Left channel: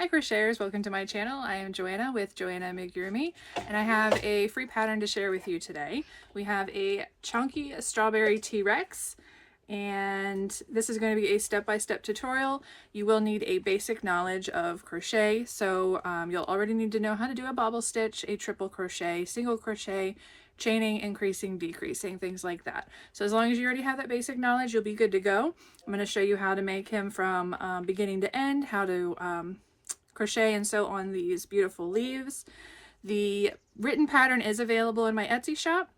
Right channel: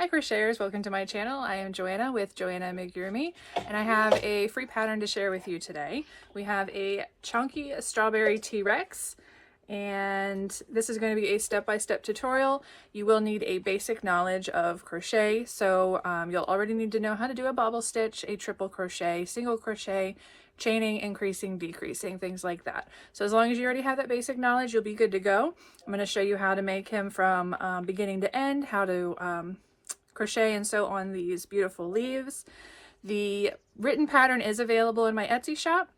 Hi crocheters, welcome to my channel. I am Joanna with Joanna Amigurumi, and I have a free pattern to share with you today. We have a chunky strawberry T-Rex, and this is going to be a step-by-step tutorial. You will need a basic knowledge of crochet, so you'll already need to know how to do a bobble stitch, a triple crochet, single crochet, chaining, increasing, decreasing, things like that. So as long as you already have that basic knowledge, you'll be good to go. I'm going to show you how to make him from beginning to end, how to crochet and sew on these beautiful leaves. The written pattern is available in my Etsy shop,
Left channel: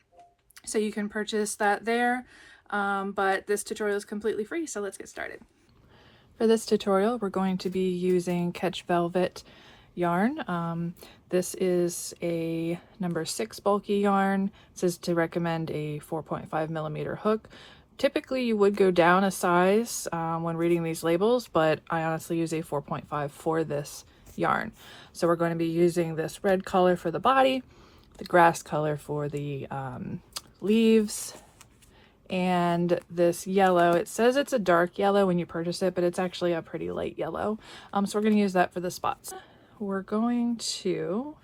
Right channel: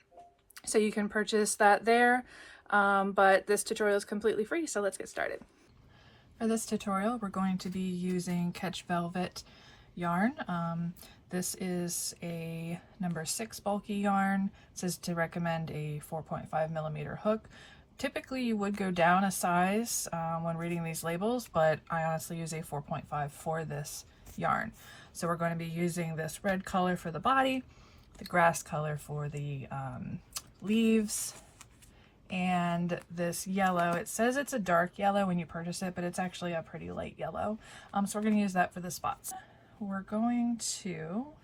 so you can purchase that there, but this tutorial is completely free, so let's get started. For this tutorial, we're going to be using Catch Velvet yarn. This is a number 6 bulky yarn. It says to recommend a 4.5mm hook. Typically you would go down a size when reading these labels, but I honestly use a 4.5 for this yarn. So we're going to be using this red color for the body, the grass color for the leaves, and this yellow. It says it's a dark yellow when you purchase it, but it's actually a pretty light yellow. So we're going to use that for the spots. We're going to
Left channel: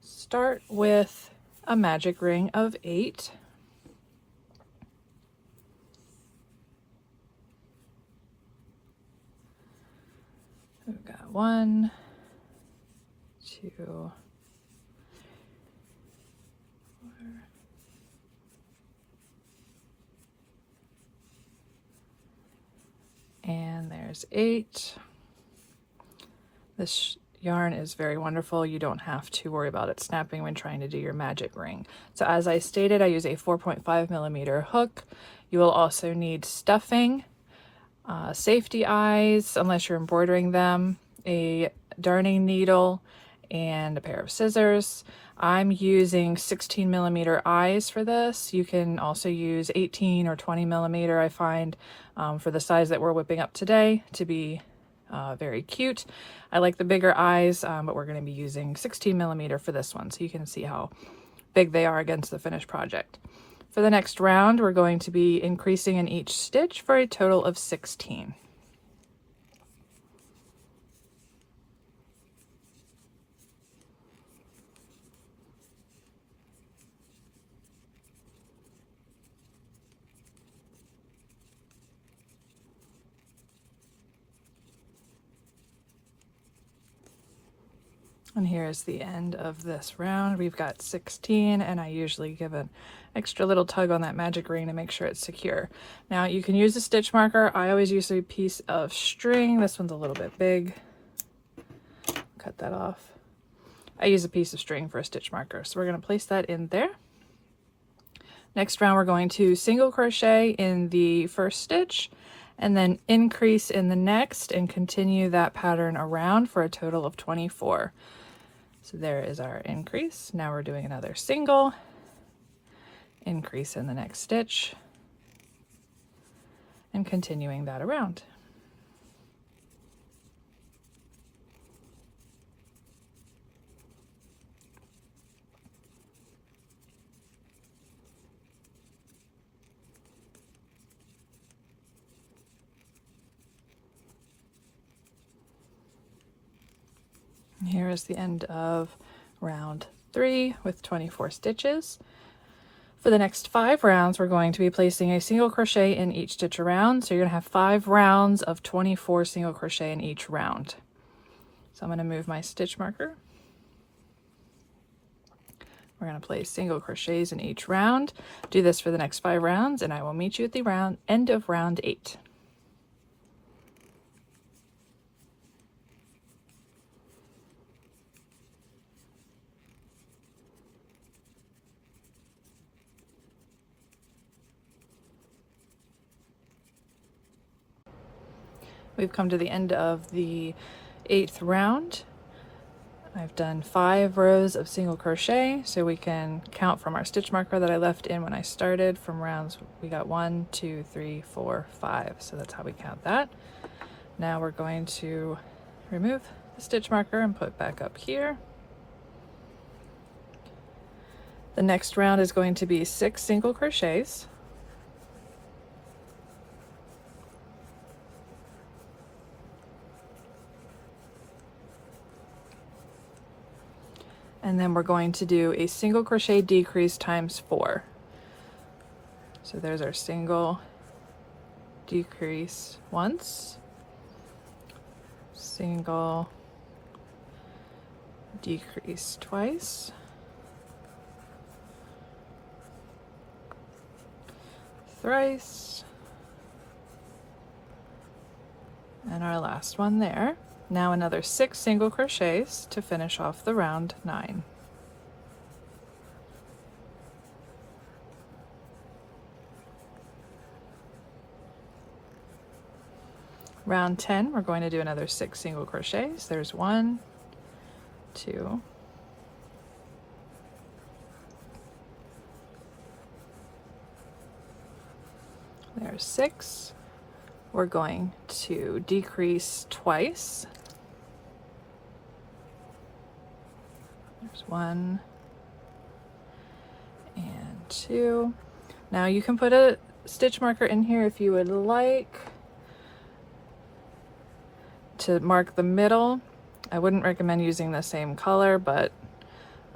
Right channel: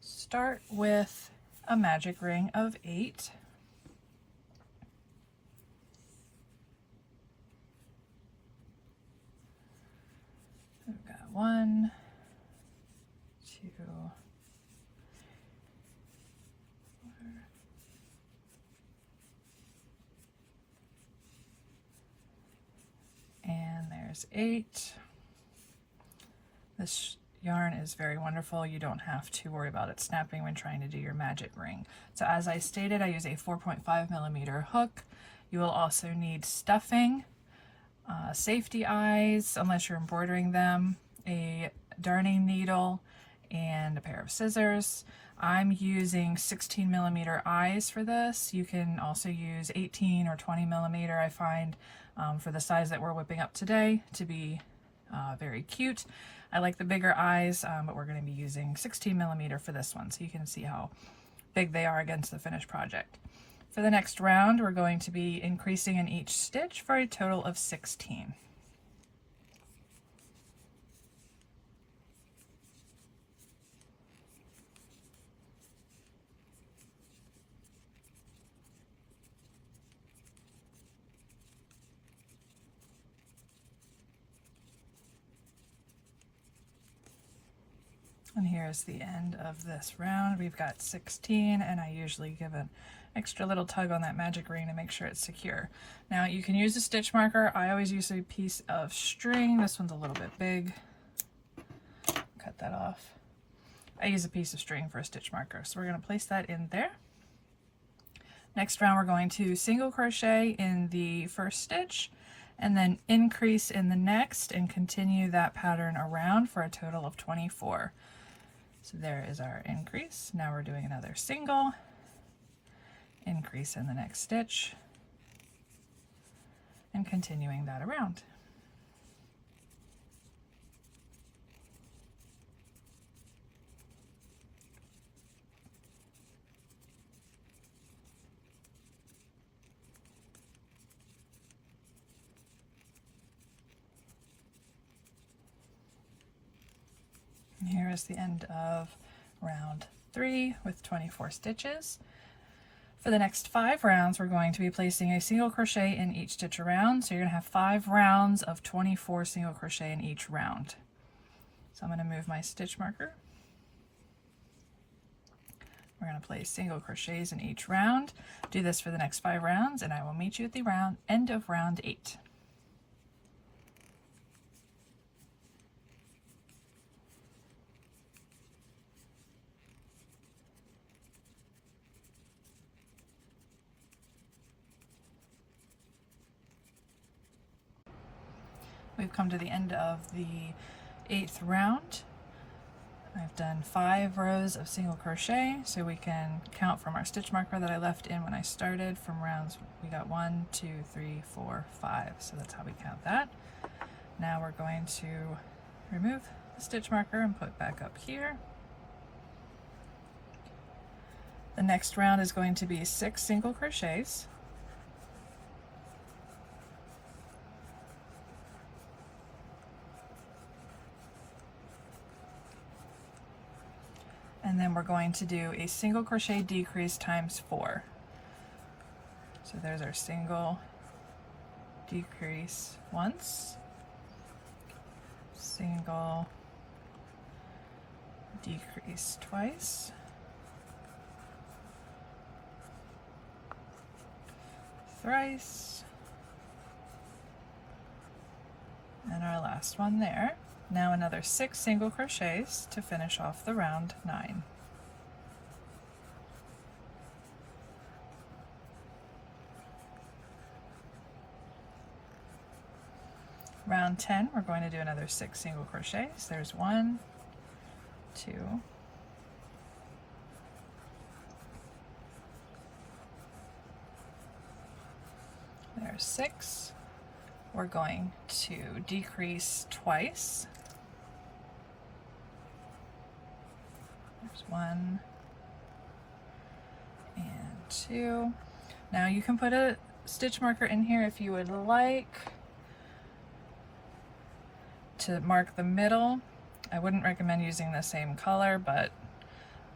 start with a magic ring of 8. We've got 1, 2, 4, and there's 8. This yarn is very wonderful. You don't have to worry about it snapping when trying to do your magic ring. So as I stated, I use a 4.5mm hook. You will also need stuffing, safety eyes, unless you're embroidering them, a darning needle, and a pair of scissors. I'm using 16mm eyes for this. You can also use 18 or 20mm, I find, for the size that we're whipping up today to be very cute. I like the bigger eyes, but we're going to be using 16mm for this one, so you can see how big they are against the finished project. For the next round, we're going to be increasing in each stitch for a total of 16. And here's the end of this round. We've got 16, and I usually give an extra little tug on that magic ring to make sure it's secure. Now you can use a stitch marker. I always use a piece of string. This one's a little bit big. Cut that off. I use a piece of string for a stitch marker. So we're going to place that in there. Next round, we're going to single crochet in the first stitch and then increase in the next and continue that pattern around for a total of 24. So there is our increase. Now we're doing another single, increase in the next stitch, and continuing that around. Here is the end of round 3 with 24 stitches. For the next 5 rounds, we're going to be placing a single crochet in each stitch around. So you're going to have 5 rounds of 24 single crochet in each round. So I'm going to move my stitch marker. We're going to place single crochets in each round. Do this for the next 5 rounds, and I will meet you at the end of round 8. We've come to the end of the 8th round. I've done 5 rows of single crochet, so we can count from our stitch marker that I left in when I started. From rounds, we got 1, 2, 3, 4, 5, so that's how we count that. Now we're going to remove the stitch marker and put back up here. The next round is going to be 6 single crochets. and then we're going to do a single crochet decrease times 4. So there's our single decrease once, single decrease twice, thrice, and our last one there. Now another 6 single crochets to finish off the round 9. Round 10, we're going to do another 6 single crochets. There's 1, 2, there's 6. We're going to decrease twice. There's 1 and 2. Now you can put a stitch marker in here if you would like to mark the middle. I wouldn't recommend using the same color, but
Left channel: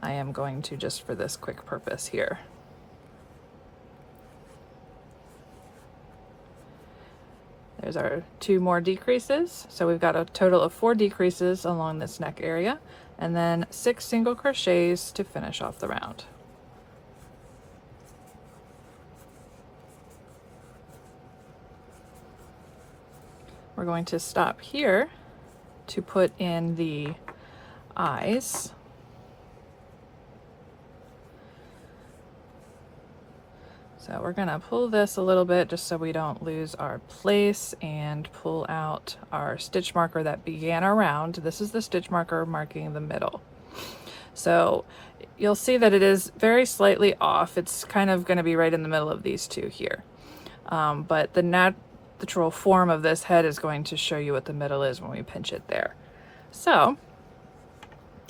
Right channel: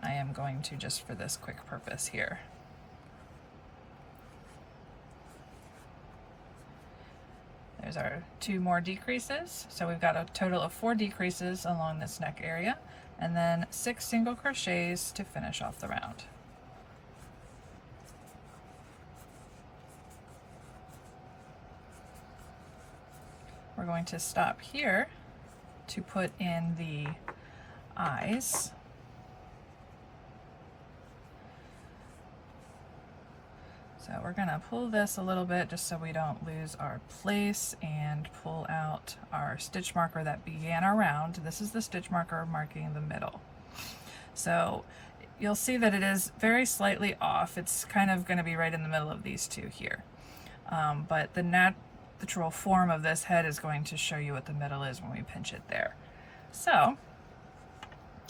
I am going to just for this quick purpose here. There's our 2 more decreases. So we've got a total of 4 decreases along this neck area, and then 6 single crochets to finish off the round. We're going to stop here to put in the eyes. So we're gonna pull this a little bit just so we don't lose our place, and pull out our stitch marker that began our round. This is the stitch marker marking the middle. So you'll see that it is very slightly off. It's kind of gonna be right in the middle of these two here. But the natural form of this head is going to show you what the middle is when we pinch it there. So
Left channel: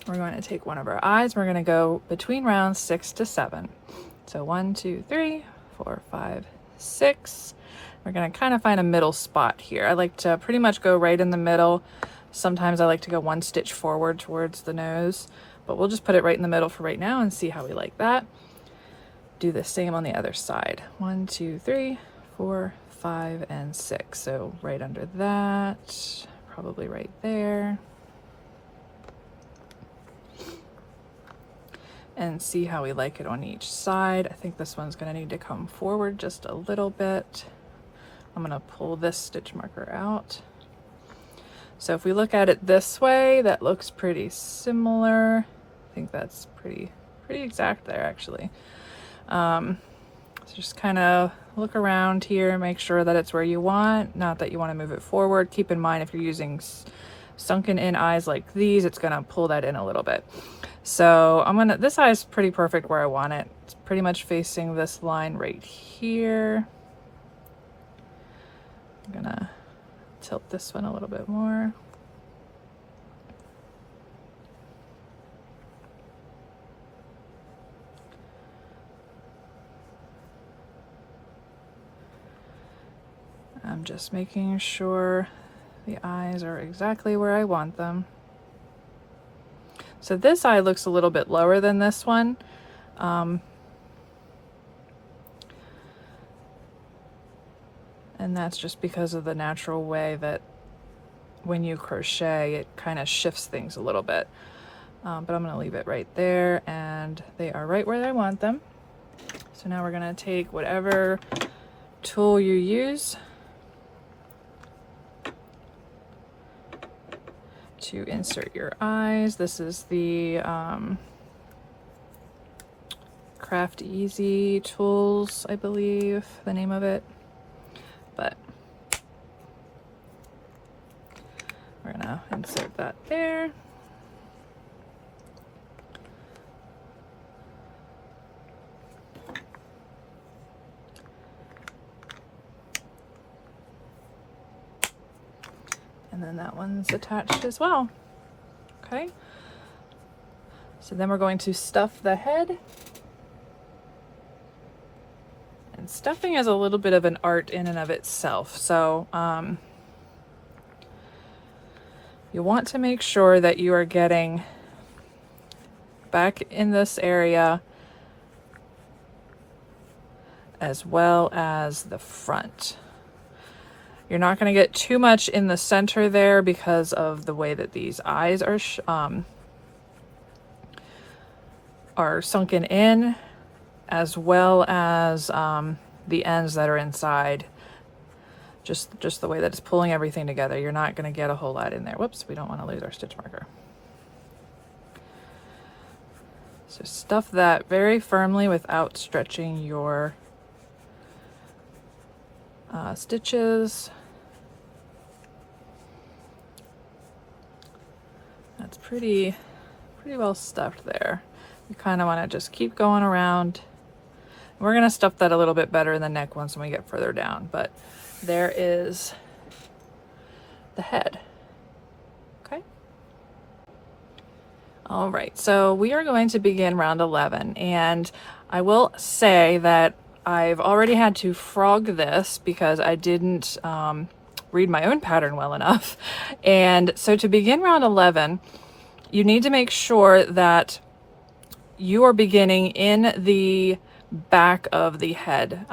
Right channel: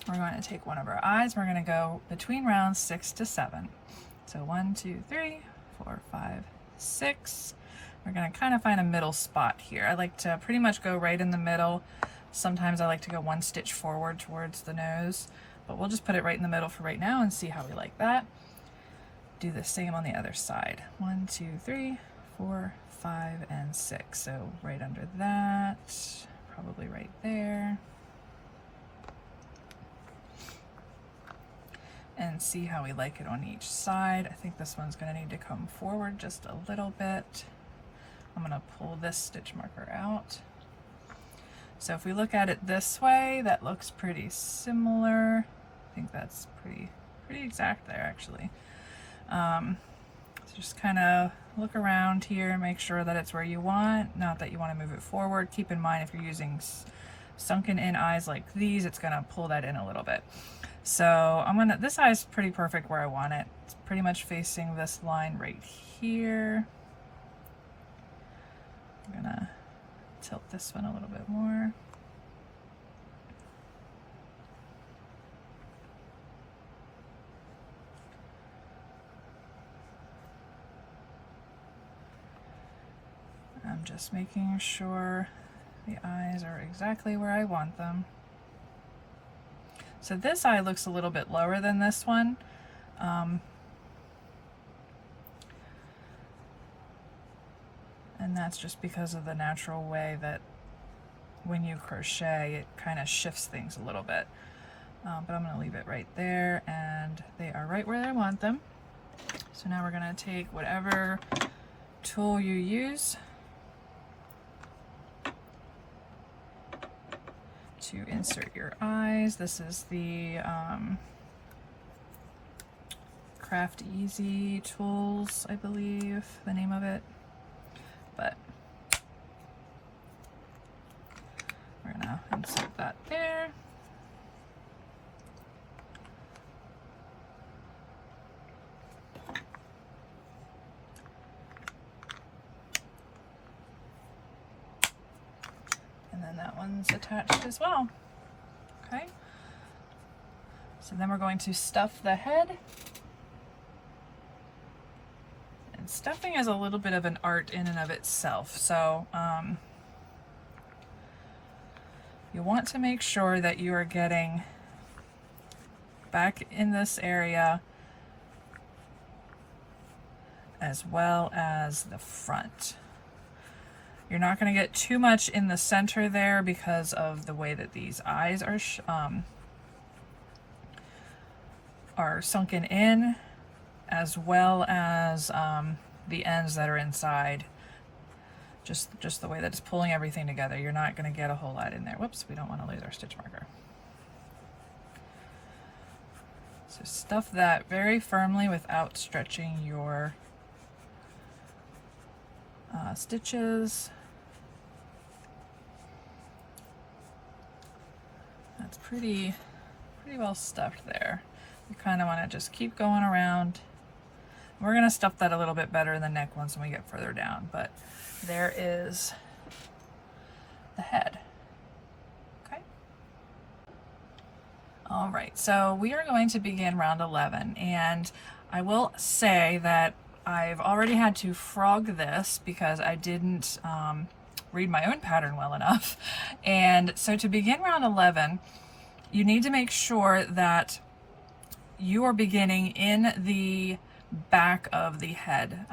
we're going to take one of our eyes. We're going to go between rounds 6 to 7. So 1, 2, 3, 4, 5, 6. We're going to kind of find a middle spot here. I like to pretty much go right in the middle. Sometimes I like to go 1 stitch forward towards the nose, but we'll just put it right in the middle for right now and see how we like that. Do the same on the other side. 1, 2, 3, 4, 5, and 6. So right under that, probably right there. And see how we like it on each side. I think this one's gonna need to come forward just a little bit. I'm gonna pull this stitch marker out. So if we look at it this way, that looks pretty similar. I think that's pretty exact there actually. So just kind of look around here, make sure that it's where you want, not that you want to move it forward. Keep in mind if you're using sunken in eyes like these, it's gonna pull that in a little bit. So this eye is pretty perfect where I want it. It's pretty much facing this line right here. I'm gonna tilt this one a little bit more. I'm just making sure the eyes are exactly where I want them. So this eye looks a little bit lower than this one. And that's just because of the natural way that when you crochet, it kind of shifts things a little bit. But I'm gonna leave it right there, and they are right where I want them. So now we're gonna take whatever tool you use to insert your eyes. This is the Craft Easy Tools, I believe the name of it. But we're gonna insert that there. And then that one's attached as well. Okay. So then we're going to stuff the head. And stuffing is a little bit of an art in and of itself. So you want to make sure that you are getting back in this area as well as the front. You're not going to get too much in the center there because of the way that these eyes are sunken in, as well as the ends that are inside. Just the way that it's pulling everything together. You're not going to get a whole lot in there. Whoops, we don't want to lose our stitch marker. So stuff that very firmly without stretching your stitches. That's pretty well stuffed there. You kind of want to just keep going around. We're going to stuff that a little bit better in the neck once we get further down, but there is the head. Okay. All right, so we are going to begin round 11, and I will say that I've already had to frog this because I didn't read my own pattern well enough. And so to begin round 11, you need to make sure that you are beginning in the back of the head,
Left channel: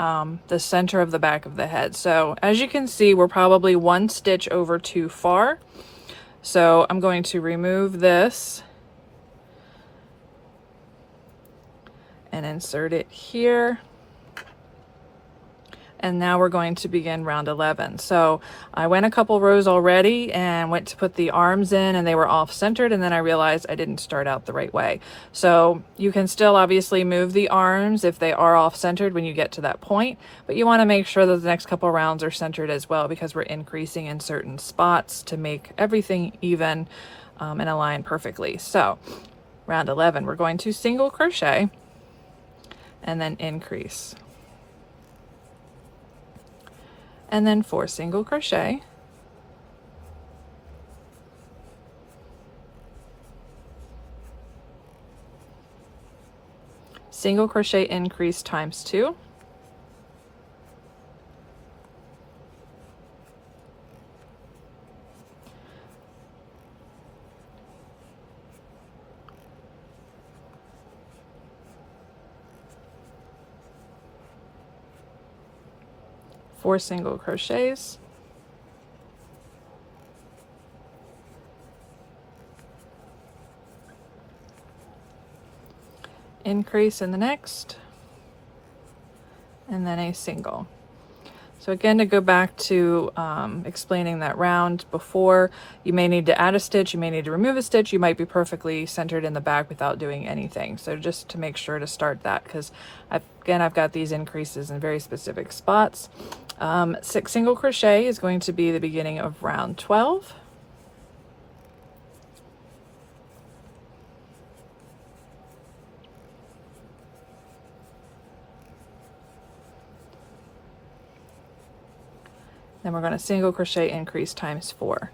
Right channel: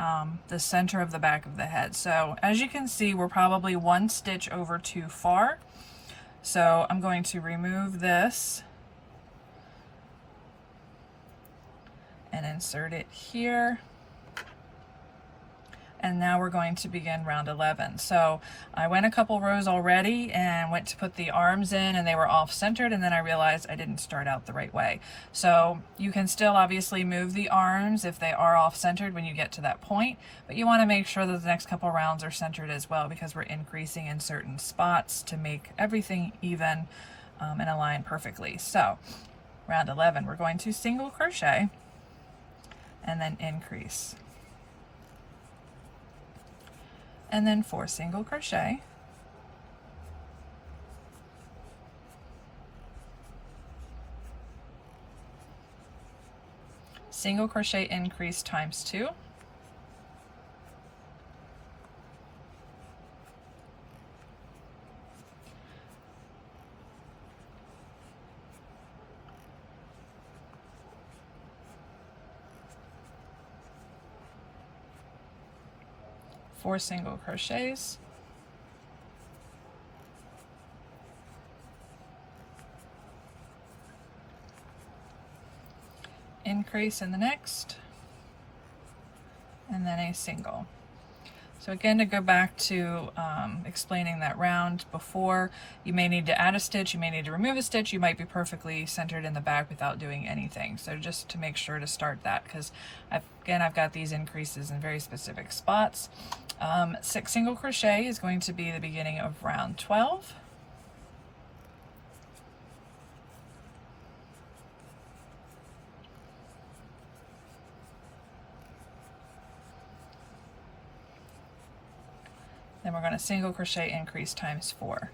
the center of the back of the head. So as you can see, we're probably one stitch over too far. So I'm going to remove this and insert it here. And now we're going to begin round 11. So I went a couple rows already and went to put the arms in, and they were off centered, and then I realized I didn't start out the right way. So you can still obviously move the arms if they are off centered when you get to that point, but you want to make sure that the next couple rounds are centered as well, because we're increasing in certain spots to make everything even and align perfectly. So round 11, we're going to single crochet and then increase. And then 4 single crochet, single crochet increase times 2, four single crochets, increase in the next, and then a single. So again, to go back to explaining that round before, you may need to add a stitch, you may need to remove a stitch, you might be perfectly centered in the back without doing anything. So just to make sure to start that, because I've got these increases in very specific spots. 6 single crochet is going to be the beginning of round 12. Then we're going to single crochet increase times 4.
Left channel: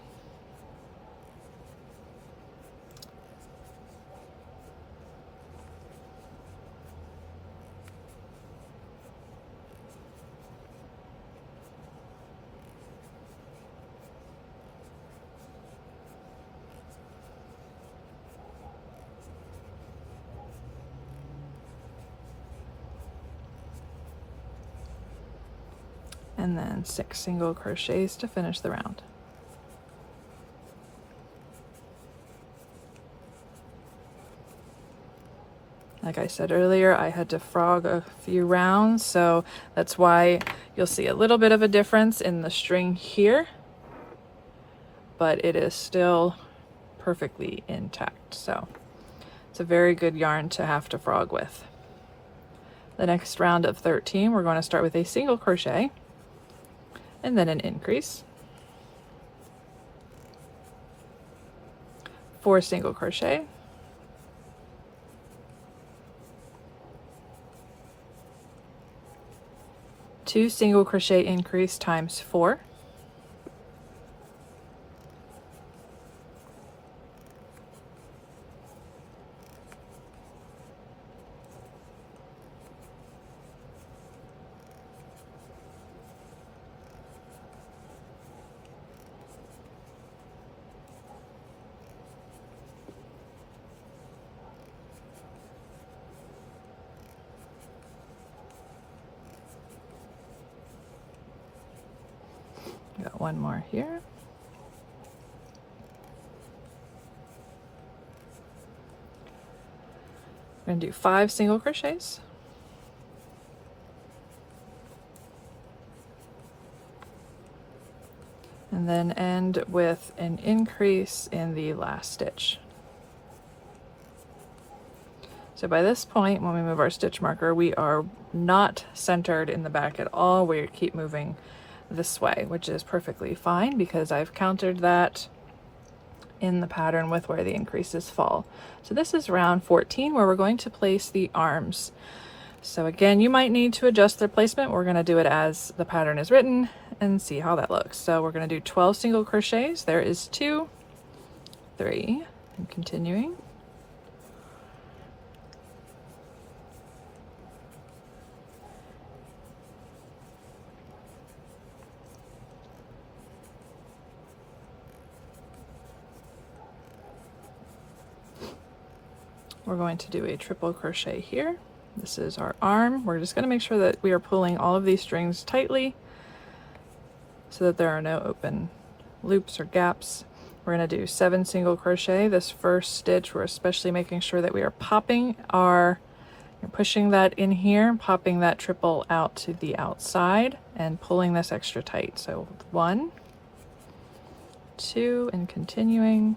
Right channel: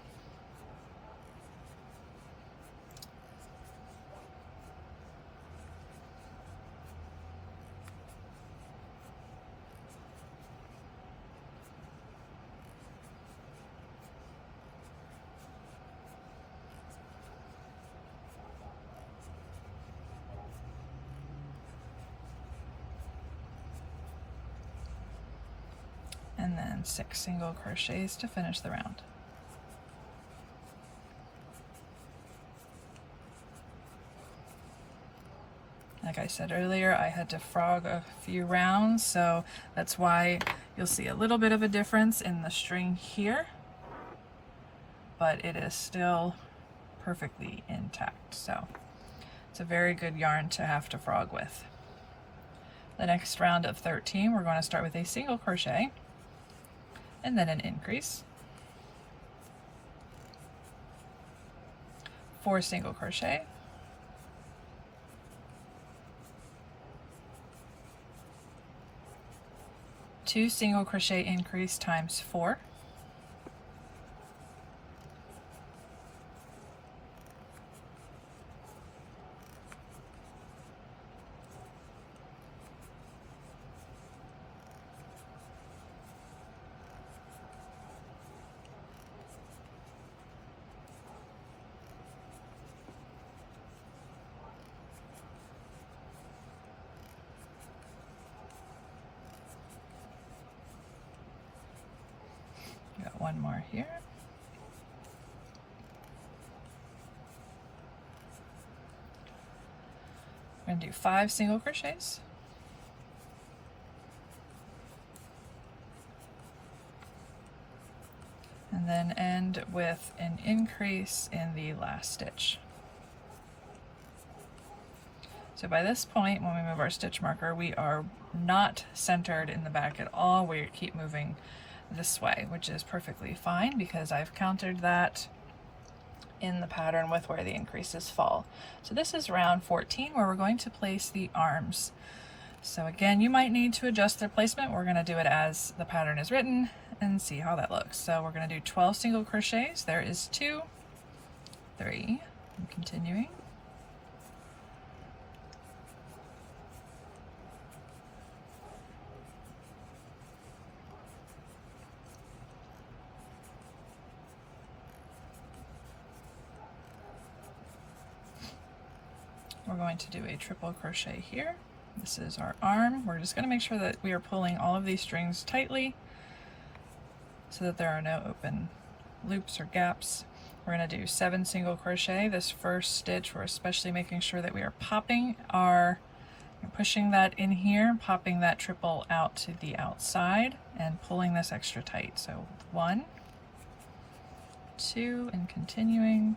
And then 6 single crochets to finish the round. Like I said earlier, I had to frog a few rounds, so that's why you'll see a little bit of a difference in the string here, but it is still perfectly intact. So it's a very good yarn to have to frog with. The next round of 13, we're going to start with a single crochet and then an increase, 4 single crochet, two single crochet increase times 4, one more here. We're going to do 5 single crochets. And then end with an increase in the last stitch. So by this point, when we move our stitch marker, we are not centered in the back at all. We keep moving this way, which is perfectly fine because I've countered that in the pattern with where the increases fall. So this is round 14 where we're going to place the arms. So again, you might need to adjust their placement. We're going to do it as the pattern is written and see how that looks. So we're going to do 12 single crochets. There is 2, 3, and continuing. We're going to do a triple crochet here. This is our arm. We're just going to make sure that we are pulling all of these strings tightly so that there are no open loops or gaps. We're going to do 7 single crochet. This first stitch, we're especially making sure that we are popping our, pushing that in here, popping that triple out to the outside and pulling this extra tight. So 1, 2, and continuing.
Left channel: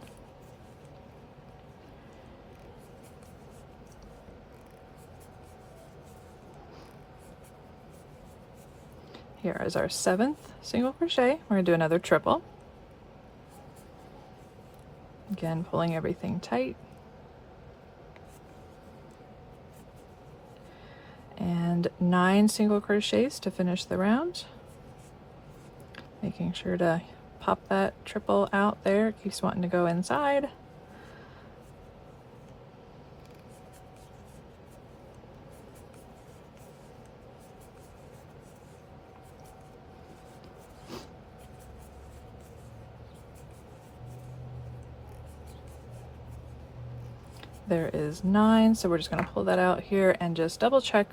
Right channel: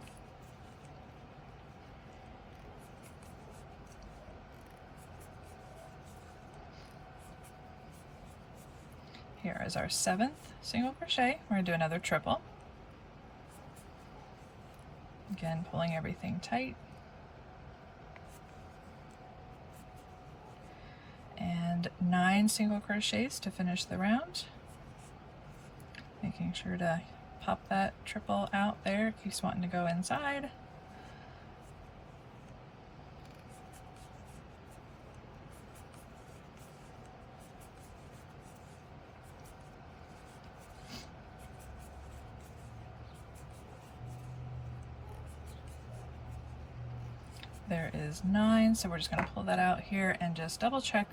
Here is our 7th single crochet. We're going to do another triple. Again, pulling everything tight. And 9 single crochets to finish the round. Making sure to pop that triple out there if you're wanting to go inside. There is 9, so we're just going to pull that out here and just double check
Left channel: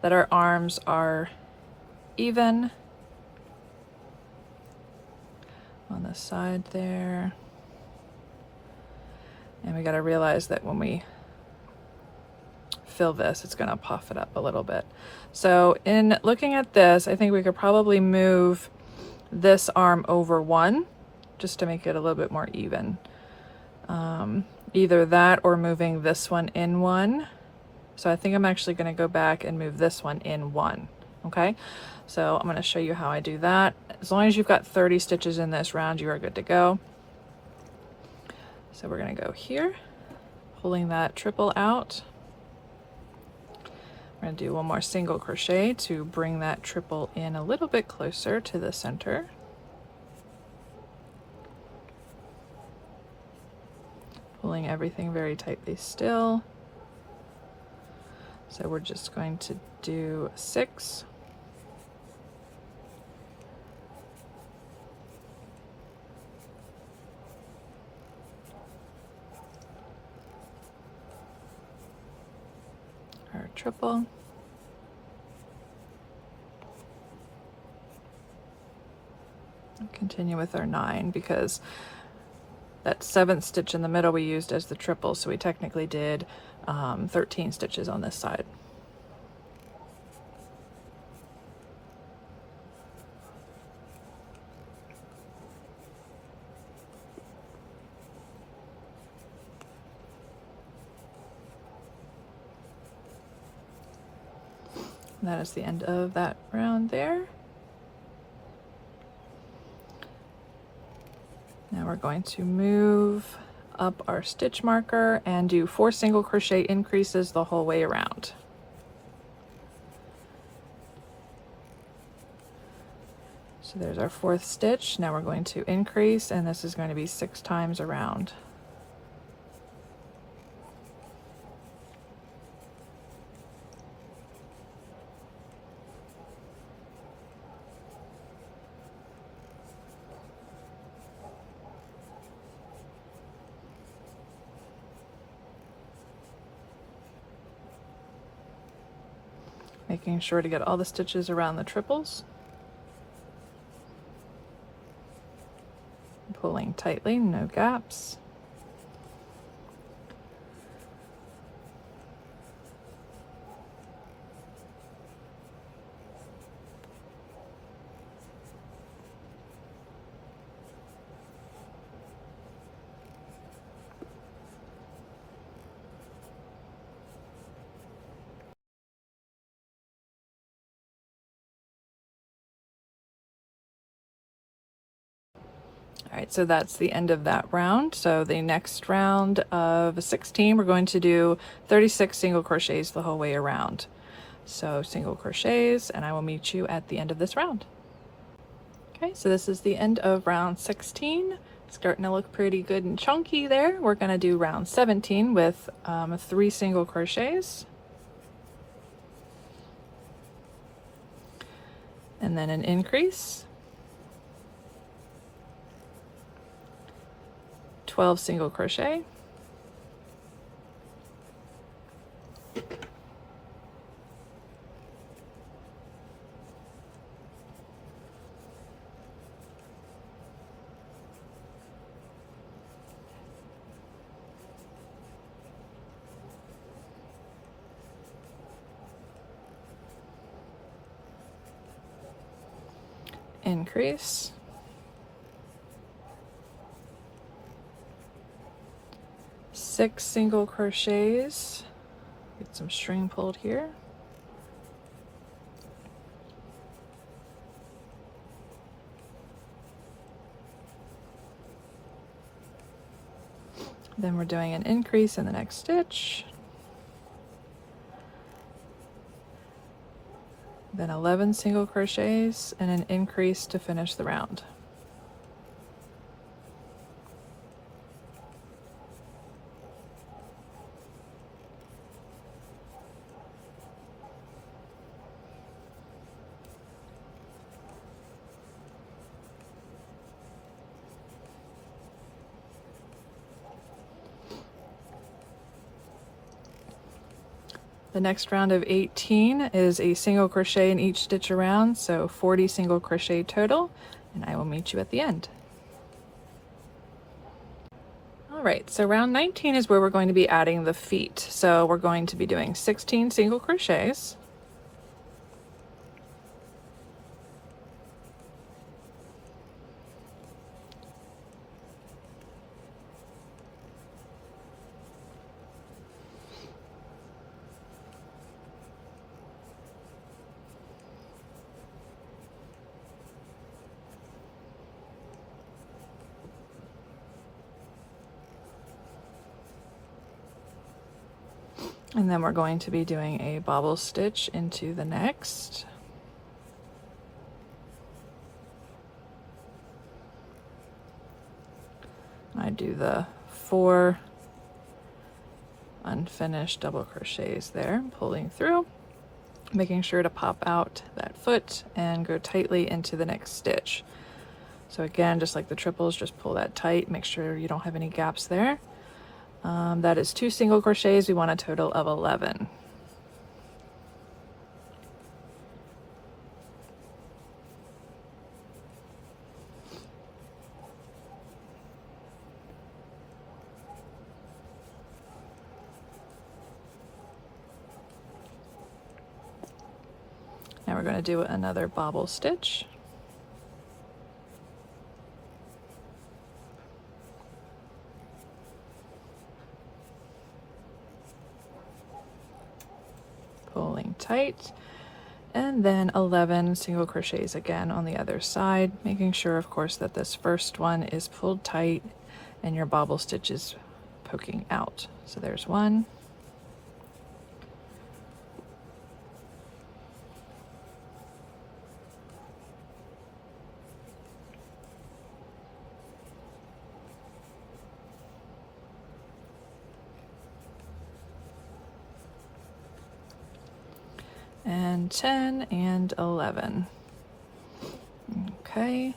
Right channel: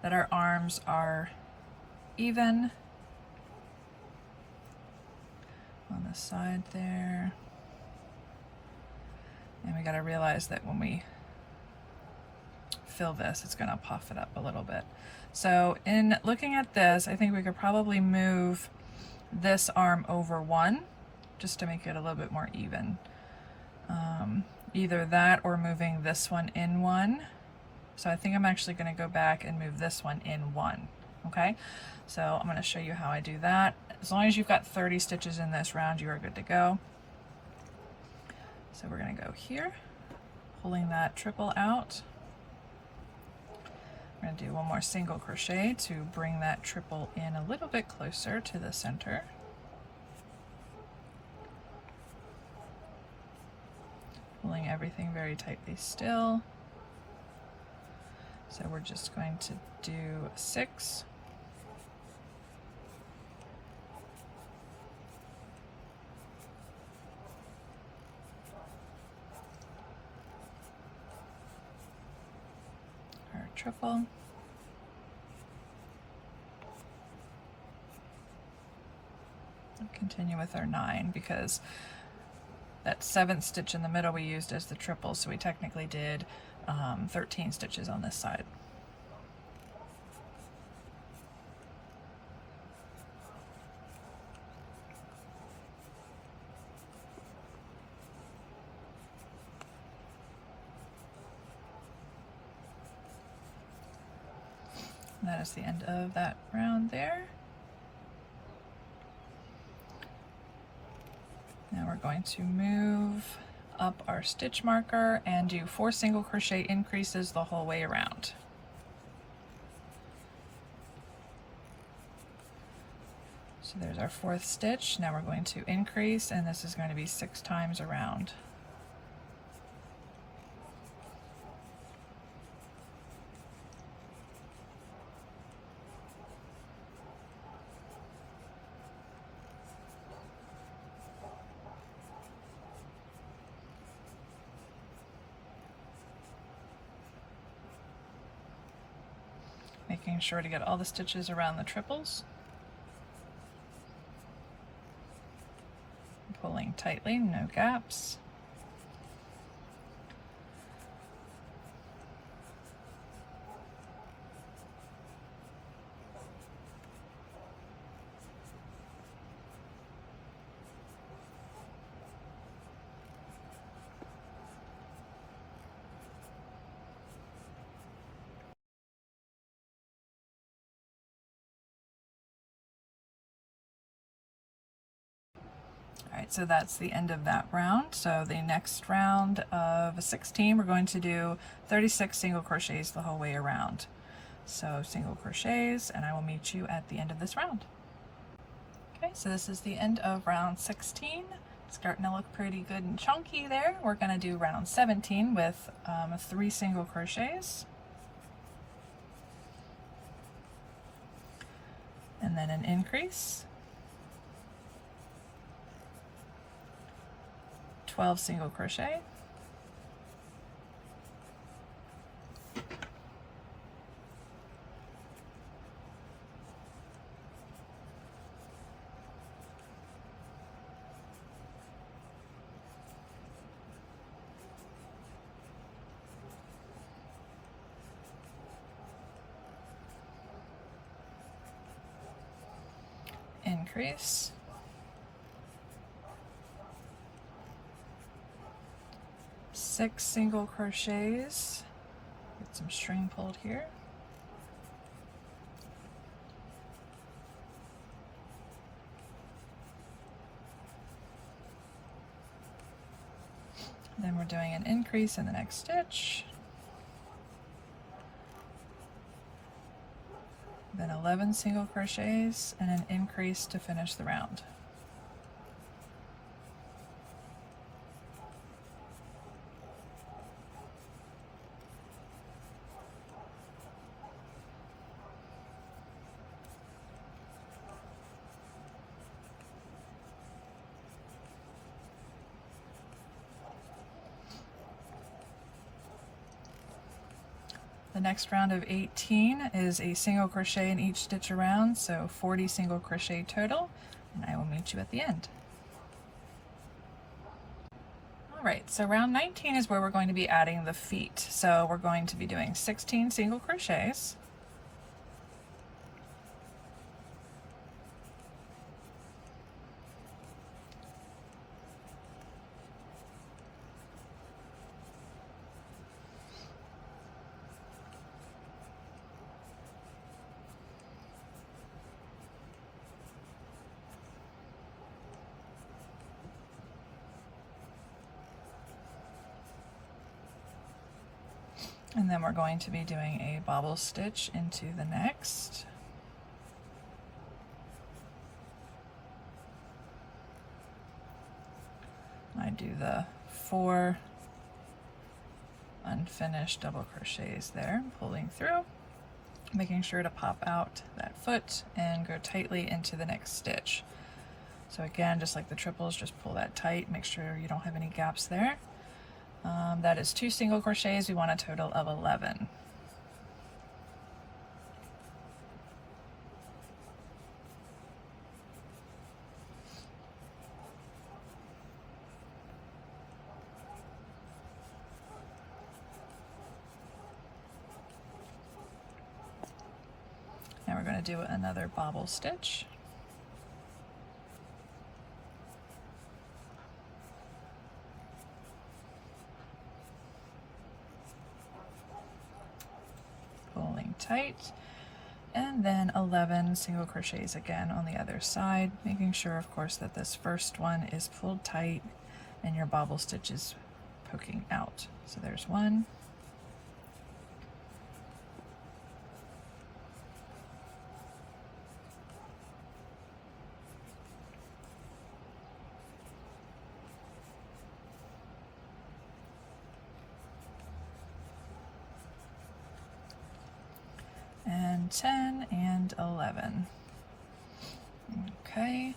that our arms are even on the side there. And we got to realize that when we fill this, it's going to puff it up a little bit. So in looking at this, I think we could probably move this arm over 1 just to make it a little bit more even. Either that or moving this one in 1. So I think I'm actually going to go back and move this one in 1. Okay, so I'm going to show you how I do that. As long as you've got 30 stitches in this round, you are good to go. So we're going to go here, pulling that triple out. We're going to do one more single crochet to bring that triple in a little bit closer to the center. Pulling everything very tightly still. So we're just going to do 6. Our triple. And continue with our 9 because that 7th stitch in the middle we used as the triple, so we technically did 13 stitches on this side. And that is the end of that round there. Now we're going to move up our stitch marker and do 4 single crochet increases the whole way around. So there's our 4th stitch. Now we're going to increase, and this is going to be 6 times around. Making sure to get all the stitches around the triples. pulling tightly, no gaps. All right, so that's the end of that round. So the next round of 16, we're going to do 36 single crochets the whole way around. So single crochets, and I will meet you at the end of this round. Okay, so this is the end of round 16. Starting to look pretty good and chunky there. We're gonna do round 17 with 3 single crochets. And then an increase. 12 single crochet, increase, 6 single crochets, get some string pulled here, then we're doing an increase in the next stitch, then 11 single crochets and an increase to finish the round. The next round of 18 is a single crochet in each stitch around, so 40 single crochet total, and I will meet you at the end. All right, so round 19 is where we're going to be adding the feet. So we're going to be doing 16 single crochets, and then we're going to be doing a bobble stitch into the next. I do the 4 unfinished double crochets there, pulling through, making sure to pop out that foot and go tightly into the next stitch. So again, just like the triples, just pull that tight, make sure you don't have any gaps there. That is 2 single crochets. We want a total of 11. Now we're going to do another bobble stitch. Pulling tight, and then 11 single crochets again on the other side, making sure of course that this first one is pulled tight and your bobble stitch is poking out. So there's 1, and 10 and 11. Okay,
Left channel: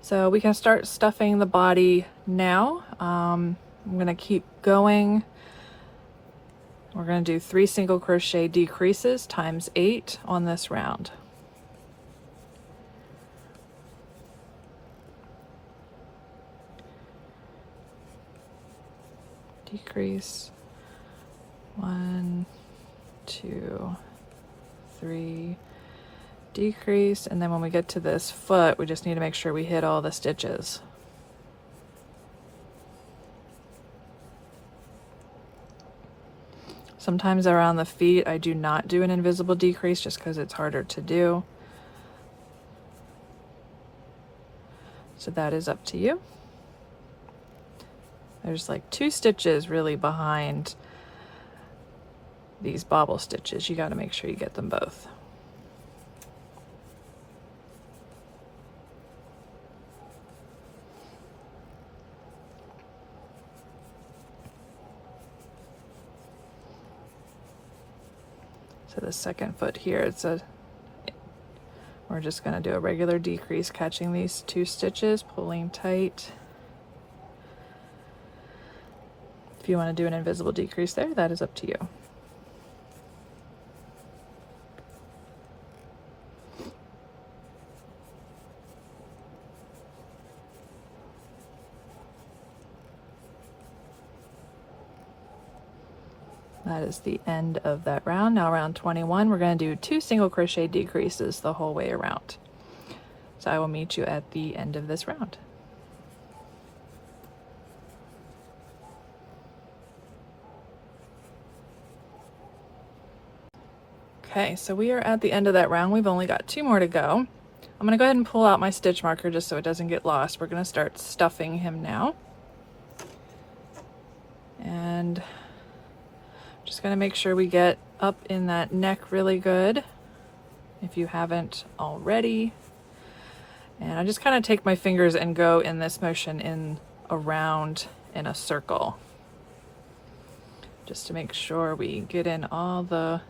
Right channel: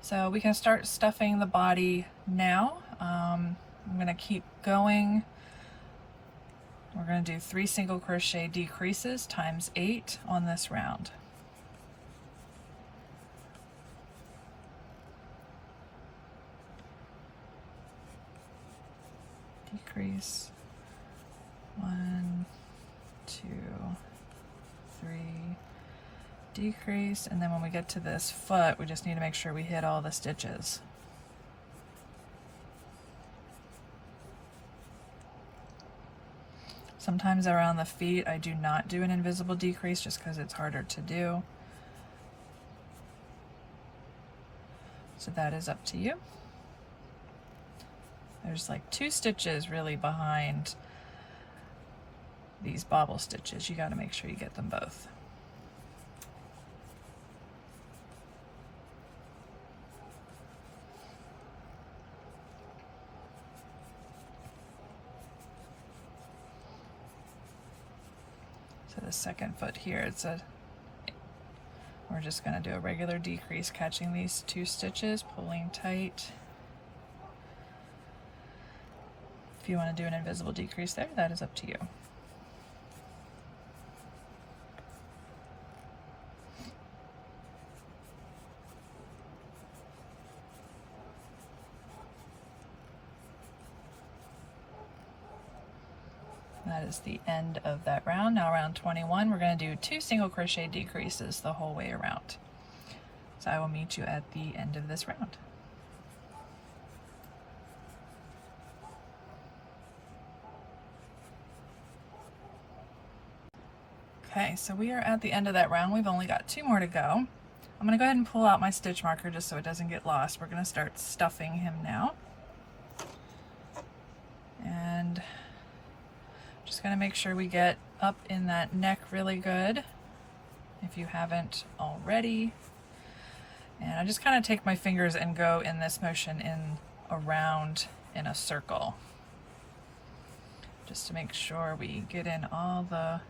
so we can start stuffing the body now. I'm going to keep going. We're going to do 3 single crochet decreases times 8 on this round. decrease, 1, 2, 3, decrease, and then when we get to this foot, we just need to make sure we hit all the stitches. Sometimes around the feet I do not do an invisible decrease just because it's harder to do. So that is up to you. There's like 2 stitches really behind these bobble stitches. You got to make sure you get them both. So the second foot here, we're just going to do a regular decrease, catching these 2 stitches, pulling tight. If you want to do an invisible decrease there, that is up to you. That is the end of that round. Now round 21, we're going to do 2 single crochet decreases the whole way around. So I will meet you at the end of this round. Okay, so we are at the end of that round. We've only got 2 more to go. I'm going to go ahead and pull out my stitch marker just so it doesn't get lost. We're going to start stuffing him now. And just going to make sure we get up in that neck really good, if you haven't already. And I just kind of take my fingers and go in this motion in around in a circle, just to make sure we get in all the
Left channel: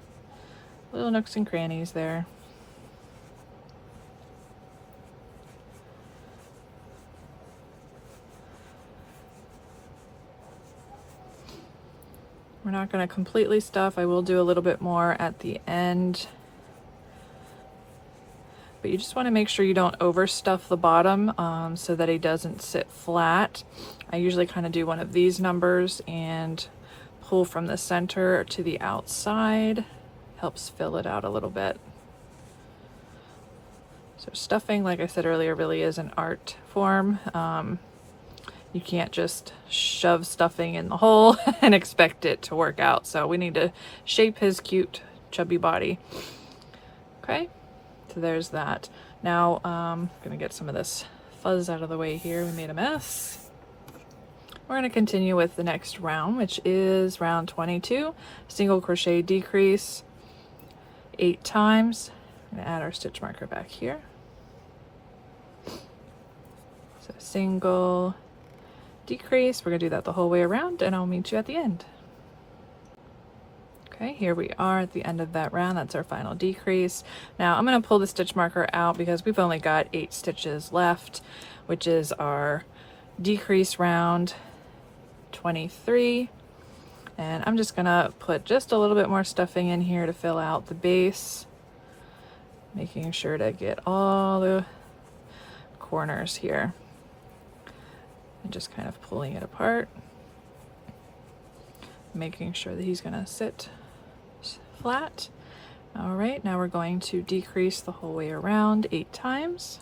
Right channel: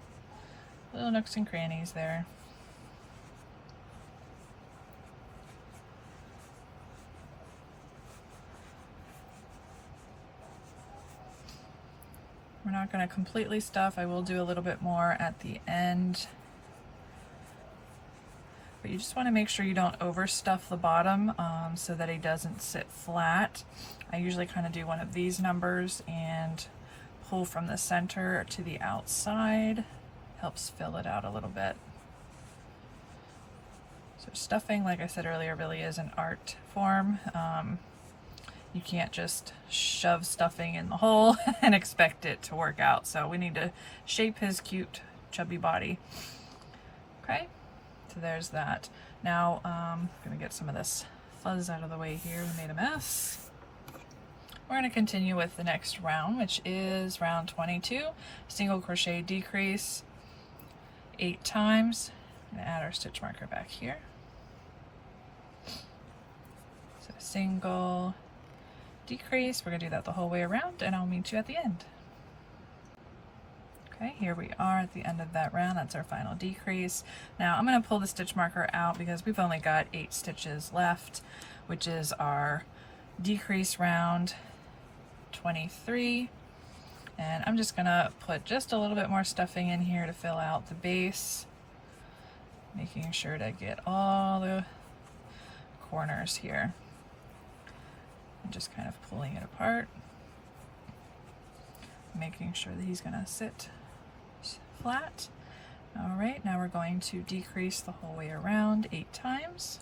little nooks and crannies there. We're not going to completely stuff. I will do a little bit more at the end. But you just want to make sure you don't overstuff the bottom so that it doesn't sit flat. I usually kind of do one of these numbers and pull from the center to the outside. Helps fill it out a little bit. So stuffing, like I said earlier, really is an art form. You can't just shove stuffing in the hole and expect it to work out. So we need to shape his cute chubby body. Okay, so there's that. Now I'm gonna get some of this fuzz out of the way here. We made a mess. We're gonna continue with the next round, which is round 22. Single crochet decrease 8 times. I'm gonna add our stitch marker back here. So single decrease, we're gonna do that the whole way around, and I'll meet you at the end. Okay, here we are at the end of that round. That's our final decrease. Now I'm gonna pull the stitch marker out because we've only got 8 stitches left, which is our decrease round 23. And I'm just gonna put just a little bit more stuffing in here to fill out the base, making sure to get all the corners here. And just kind of pulling it apart, making sure that he's gonna sit flat. All right, now we're going to decrease the whole way around 8 times.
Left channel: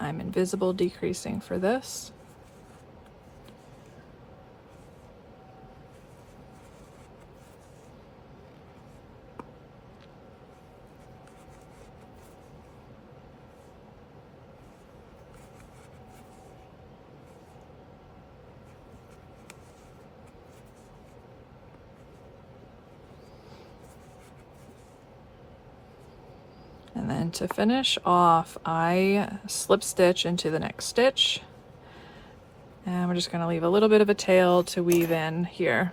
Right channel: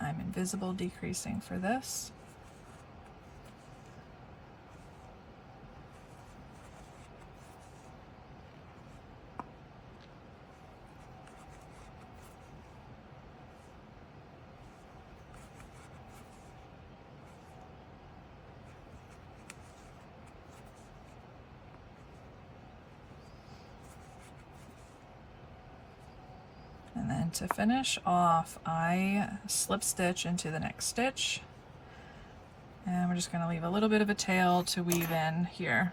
I'm invisible decreasing for this. And then to finish off, I slip stitch into the next stitch. And we're just going to leave a little bit of a tail to weave in here.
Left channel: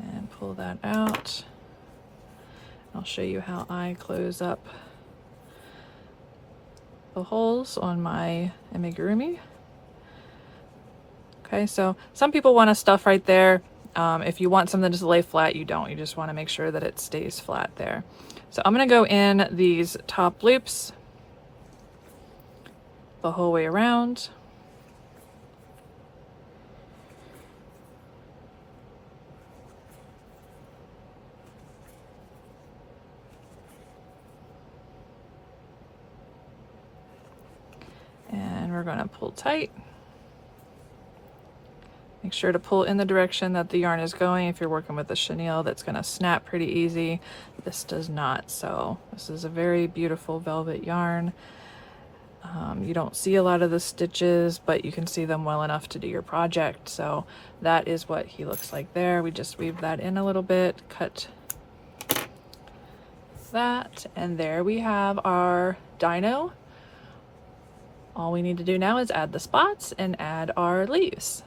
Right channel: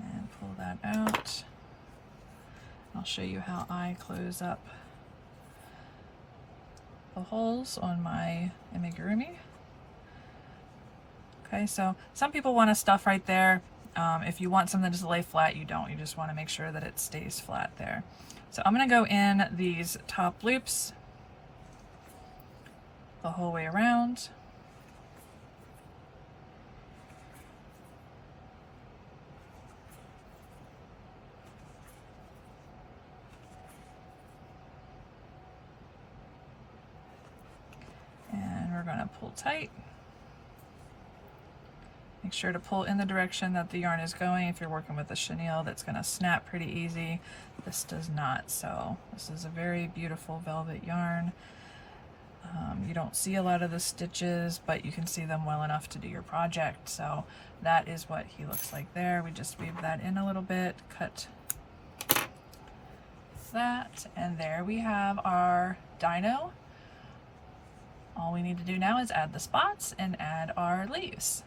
And pull that out. I'll show you how I close up the holes on my amigurumi. Okay, so some people want to stuff right there. If you want something to lay flat, you don't. You just want to make sure that it stays flat there. So I'm going to go in these top loops the whole way around. And we're going to pull tight. Make sure to pull in the direction that the yarn is going. If you're working with a chenille, that's going to snap pretty easy. This does not. So this is a very beautiful velvet yarn. You don't see a lot of the stitches, but you can see them well enough to do your project. So that is what he looks like there. We just weave that in a little bit, cut that, and there we have our dino. All we need to do now is add the spots and add our leaves.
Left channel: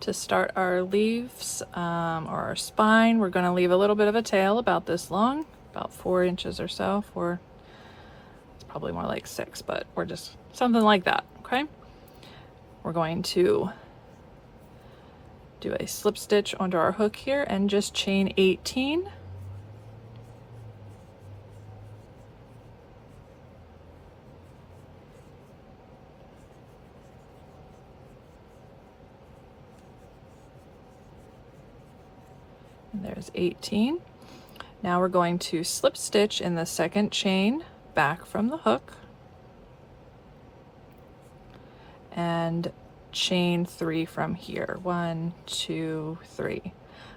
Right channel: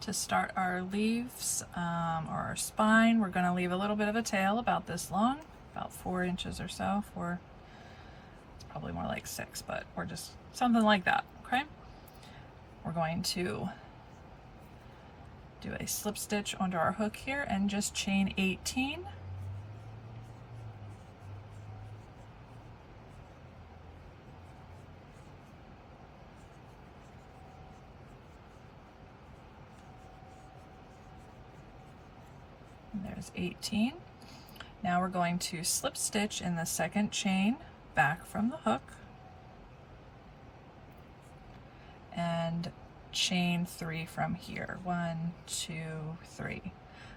To start our leaves or our spine, we're going to leave a little bit of a tail about this long, about 4 inches or so. It's probably more like 6, but we're just something like that. Okay, we're going to do a slip stitch onto our hook here and just chain 18. There's 18. Now we're going to slip stitch in the second chain back from the hook and chain 3 from here. 1, 2, 3.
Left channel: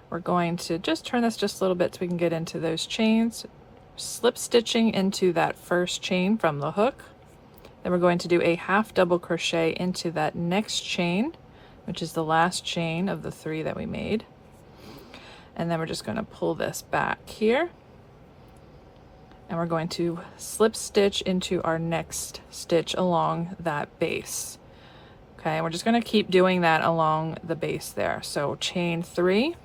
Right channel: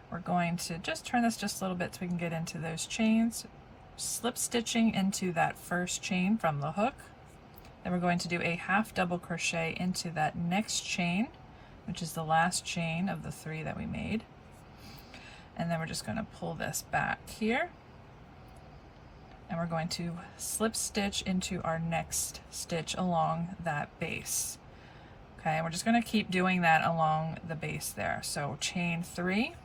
We're going to just turn this just a little bit so we can get into those chains, slip stitching into that first chain from the hook. Then we're going to do a half double crochet into that next chain, which is the last chain of the 3 that we made. And then we're just going to pull this back here, and we're going to slip stitch into our next stitch along that base. Okay, and we're just going to keep doing that along the base there. So chain 3,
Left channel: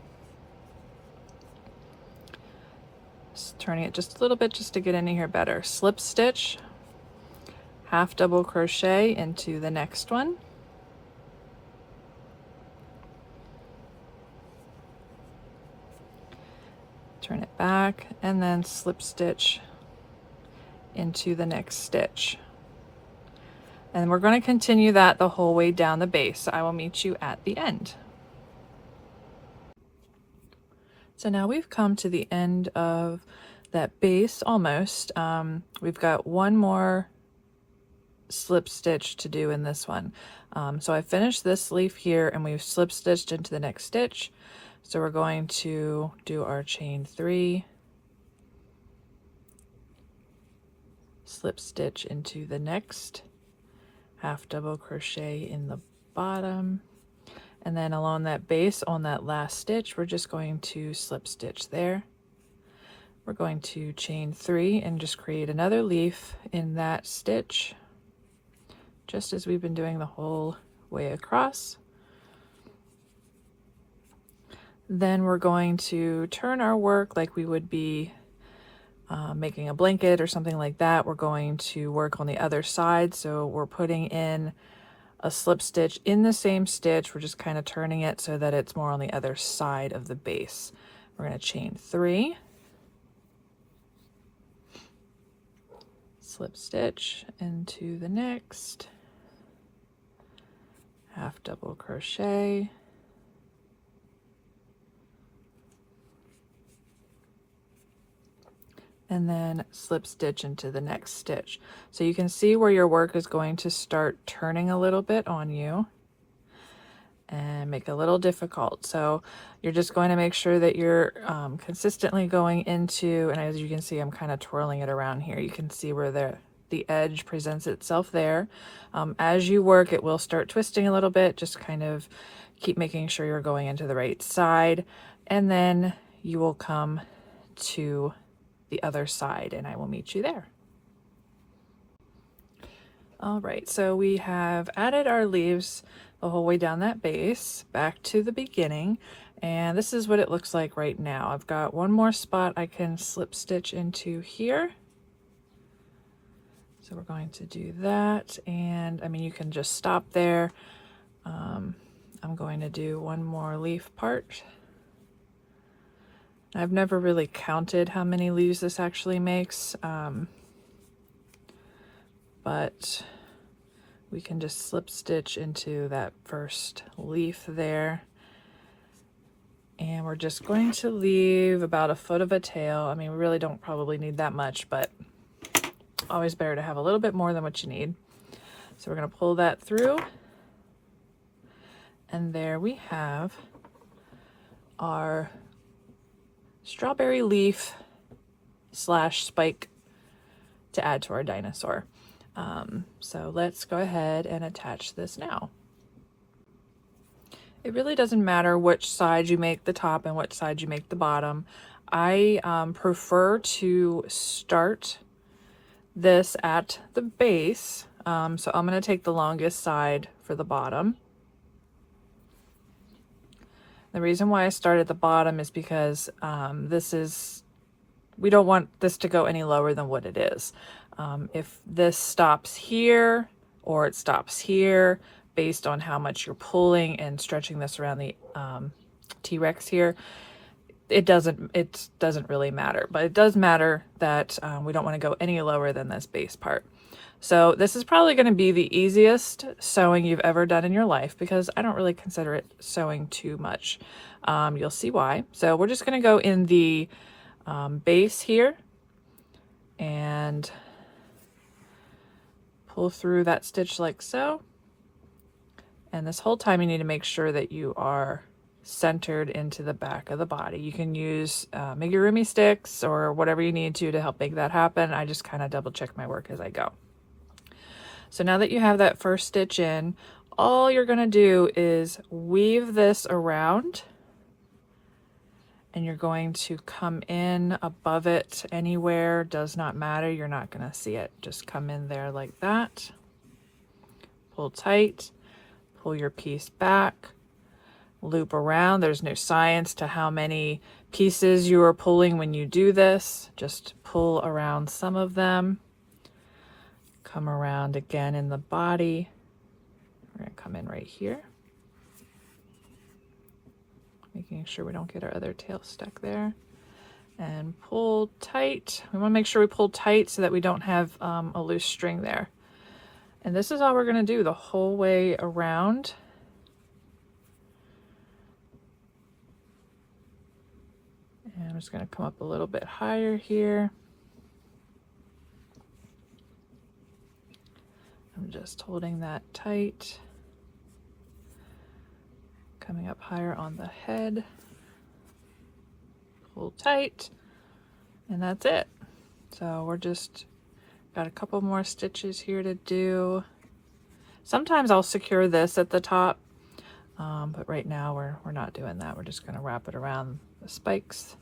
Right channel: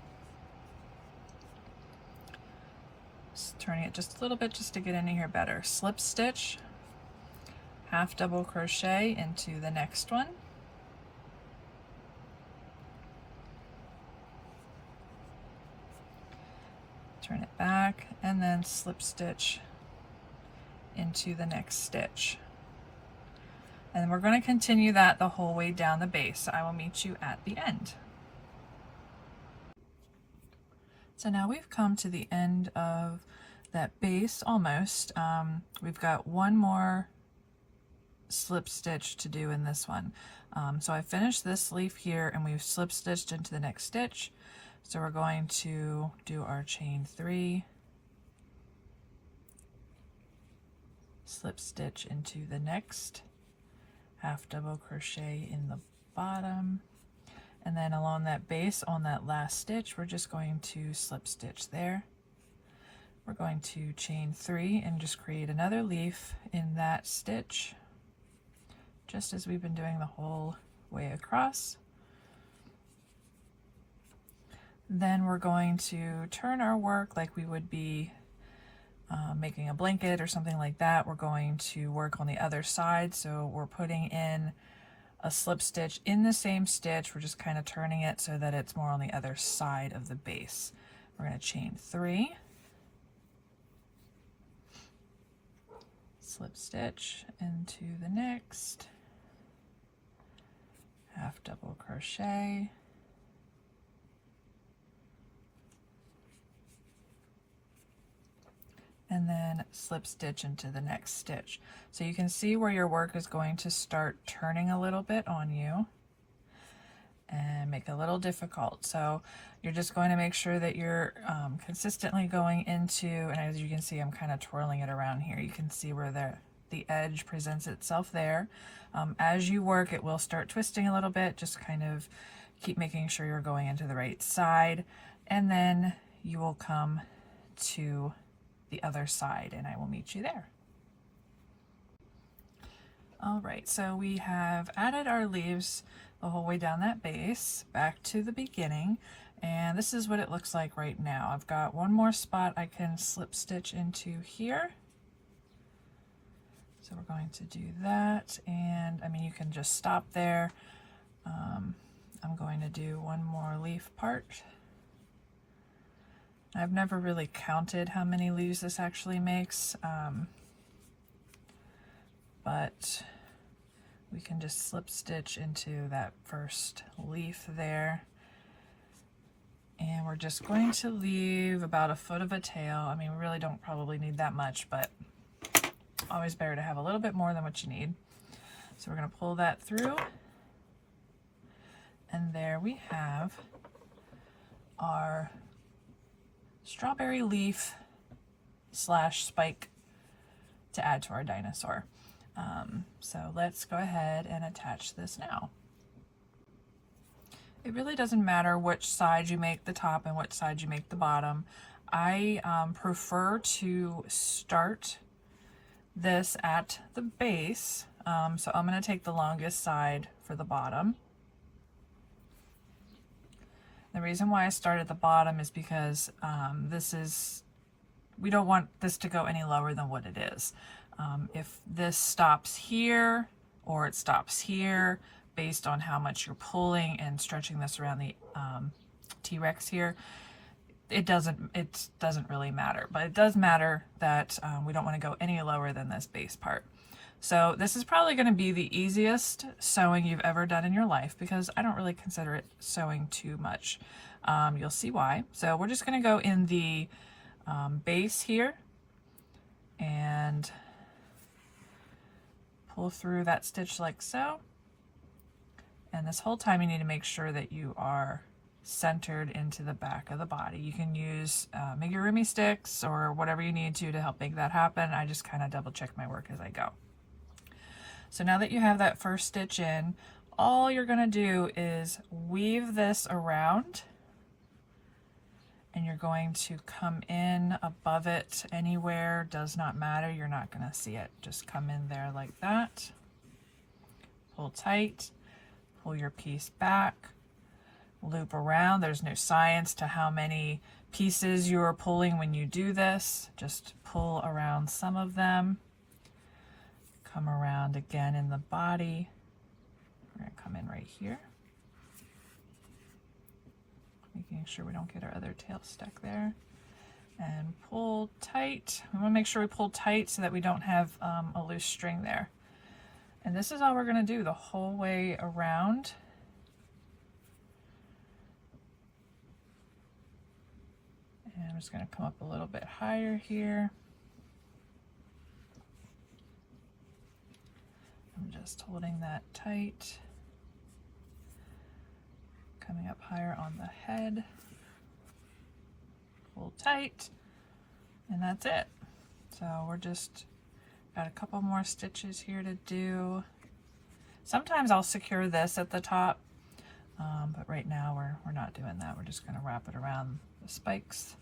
just turning it just a little bit just to get into here better. Slip stitch, half double crochet into the next one. Turn it back and then slip stitch into the next stitch. And we're going to continue that the whole way down the base. So I will meet you at the end. So now we've come to the end of that base almost. We've got one more slip stitch to do in this one. So I finished this leaf here and we've slip stitched into the next stitch. So we're going to do our chain 3, slip stitch into the next, half double crochet in the bottom, and then along that base on that last stitch we're just going to slip stitch there. We're going to chain 3 and just create another leaf in that stitch, just as we've been doing the whole way across. Then we're going to turn our work like we would be making a blanket or something like that. We're going to work on the other side, so we're putting in a slip stitch in the same stitch. We're just kind of turning it so that it's more on the other side of the base. We're going to chain 3, slip stitch into the next, half double crochet, and then slip stitch into the next stitch. So you can see where your work is going to start turning a little bit on you and make it a little difficult. So you're just going to make sure that you're consistently going into, and as you can see, I'm kind of twirling it around here. You can see where the edge presents itself there. As you work, it will start twisting a little bit. Just kind of keep making sure you're going into the right side, and then you will come to the other side and I will meet you there. All right, so we have added our leaves the whole way down that base back to the beginning, and this is what it looks like right now. I've got one more spot I can slip stitch into here. So we're going to do that, and I mean, you can just stop there. I'm going to do one more leaf part. I've never really counted how many leaves this actually makes. but we can just slip stitch into that first leaf there. And we're just going to leave about a foot of a tail. I mean, we really don't probably need that much, but always better to have a little bit more than what you need. So we're going to pull that through. And there we have our strawberry leaf slash spike to add to our dinosaur. So let's go ahead and attach this now. It really doesn't matter which side you make the top and which side you make the bottom. I prefer to start this at the base. So I'm going to take the longest side for the bottom. The reason why I start at the bottom is because we don't want this to go any lower than what it is. If this stops here or it stops here, based on how much you're pulling and stretching this around the T-Rex here, it doesn't really matter. But it does matter that we don't want to go any lower than this base part. So this is probably going to be the easiest sewing you've ever done in your life, because I don't really consider it sewing too much. You'll see why. So we're just going to go in the base here and pull through that stitch like so. And this whole time you need to make sure that you are centered into the back of the body. You can use amigurumi sticks or whatever you need to help make that happen. I just kind of double check my work as I go. So now that you have that first stitch in, all you're going to do is weave this around, and you're going to come in above it anywhere, does not matter, you're not going to see it. Just come in there like that, pull tight, pull your piece back, loop around. There's no science to how many pieces you are pulling when you do this. Just pull around some of them. Come around again in the body. We're going to come in right here, making sure we don't get our other tail stuck there, and pull tight. We want to make sure we pull tight so that we don't have a loose string there. And this is all we're going to do the whole way around. And I'm just going to come up a little bit higher here. I'm just holding that tight. Coming up higher on the head. Pull tight. And that's it. So we're just got a couple more stitches here to do. Sometimes I'll secure this at the top, but right now we're not doing that. We're just going to wrap it around the spikes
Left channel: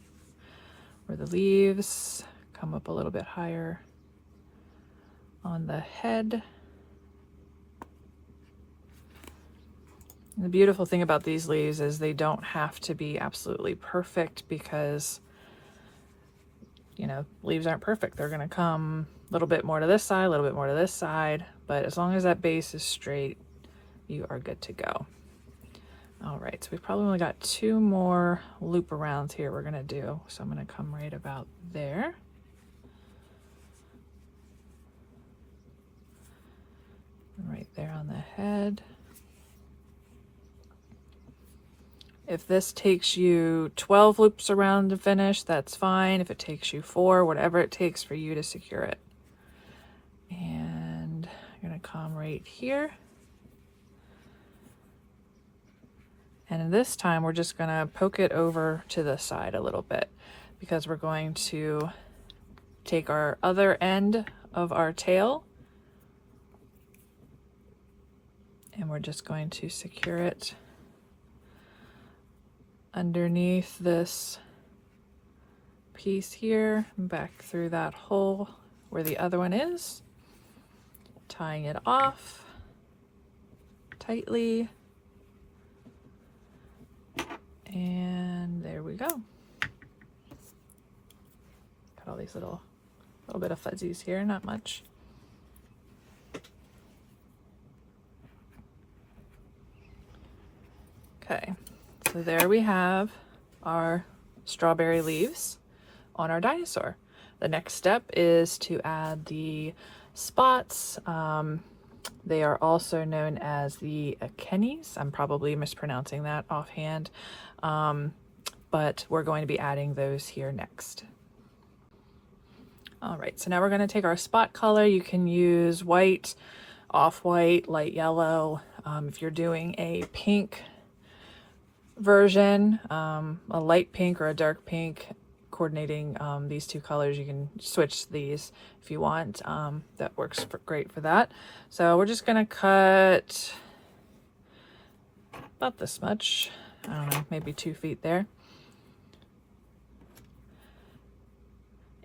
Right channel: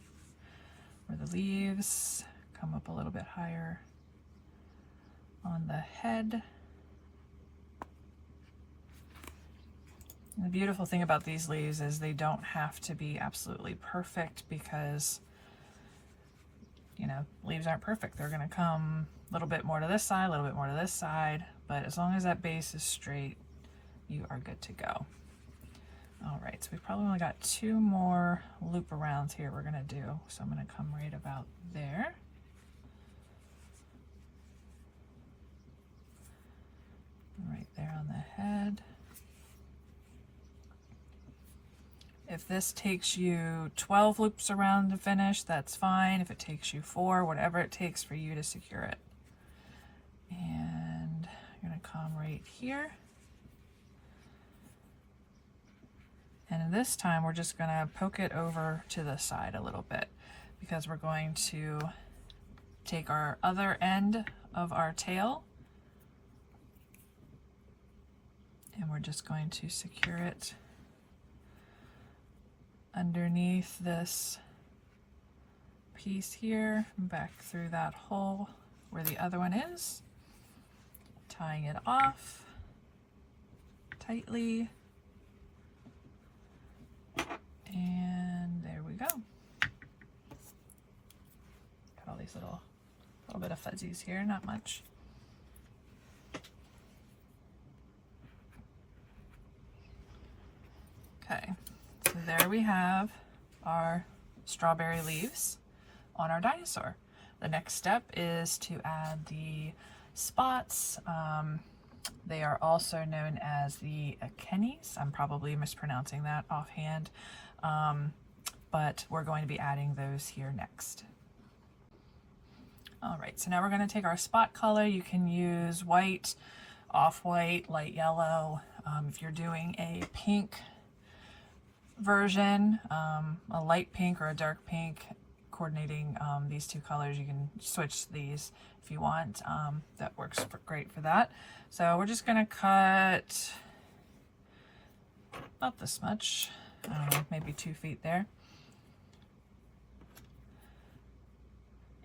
or the leaves, come up a little bit higher on the head. And the beautiful thing about these leaves is they don't have to be absolutely perfect, because you know, leaves aren't perfect. They're going to come a little bit more to this side, a little bit more to this side, but as long as that base is straight, you are good to go. All right, so we've probably only got 2 more loop arounds here we're going to do. So I'm going to come right about there. And right there on the head. If this takes you 12 loops around to finish, that's fine. If it takes you 4, whatever it takes for you to secure it. And you're going to come right here. And this time we're just going to poke it over to the side a little bit, because we're going to take our other end of our tail and we're just going to secure it underneath this piece here and back through that hole where the other one is, tying it off tightly. And there we go. Got all these little bit of fuzzies here, not much. Okay, so there we have our strawberry leaves on our dinosaur. The next step is to add the spots. They are also known as the Akenis. I'm probably mispronouncing that offhand, but we're going to be adding those here next. All right, so now we're going to take our spot color. You can use white, off-white, light yellow. If you're doing a pink version, a light pink or a dark pink, coordinating these two colors, you can switch these if you want. That works great for that. So we're just gonna cut about this much, maybe 2 feet there.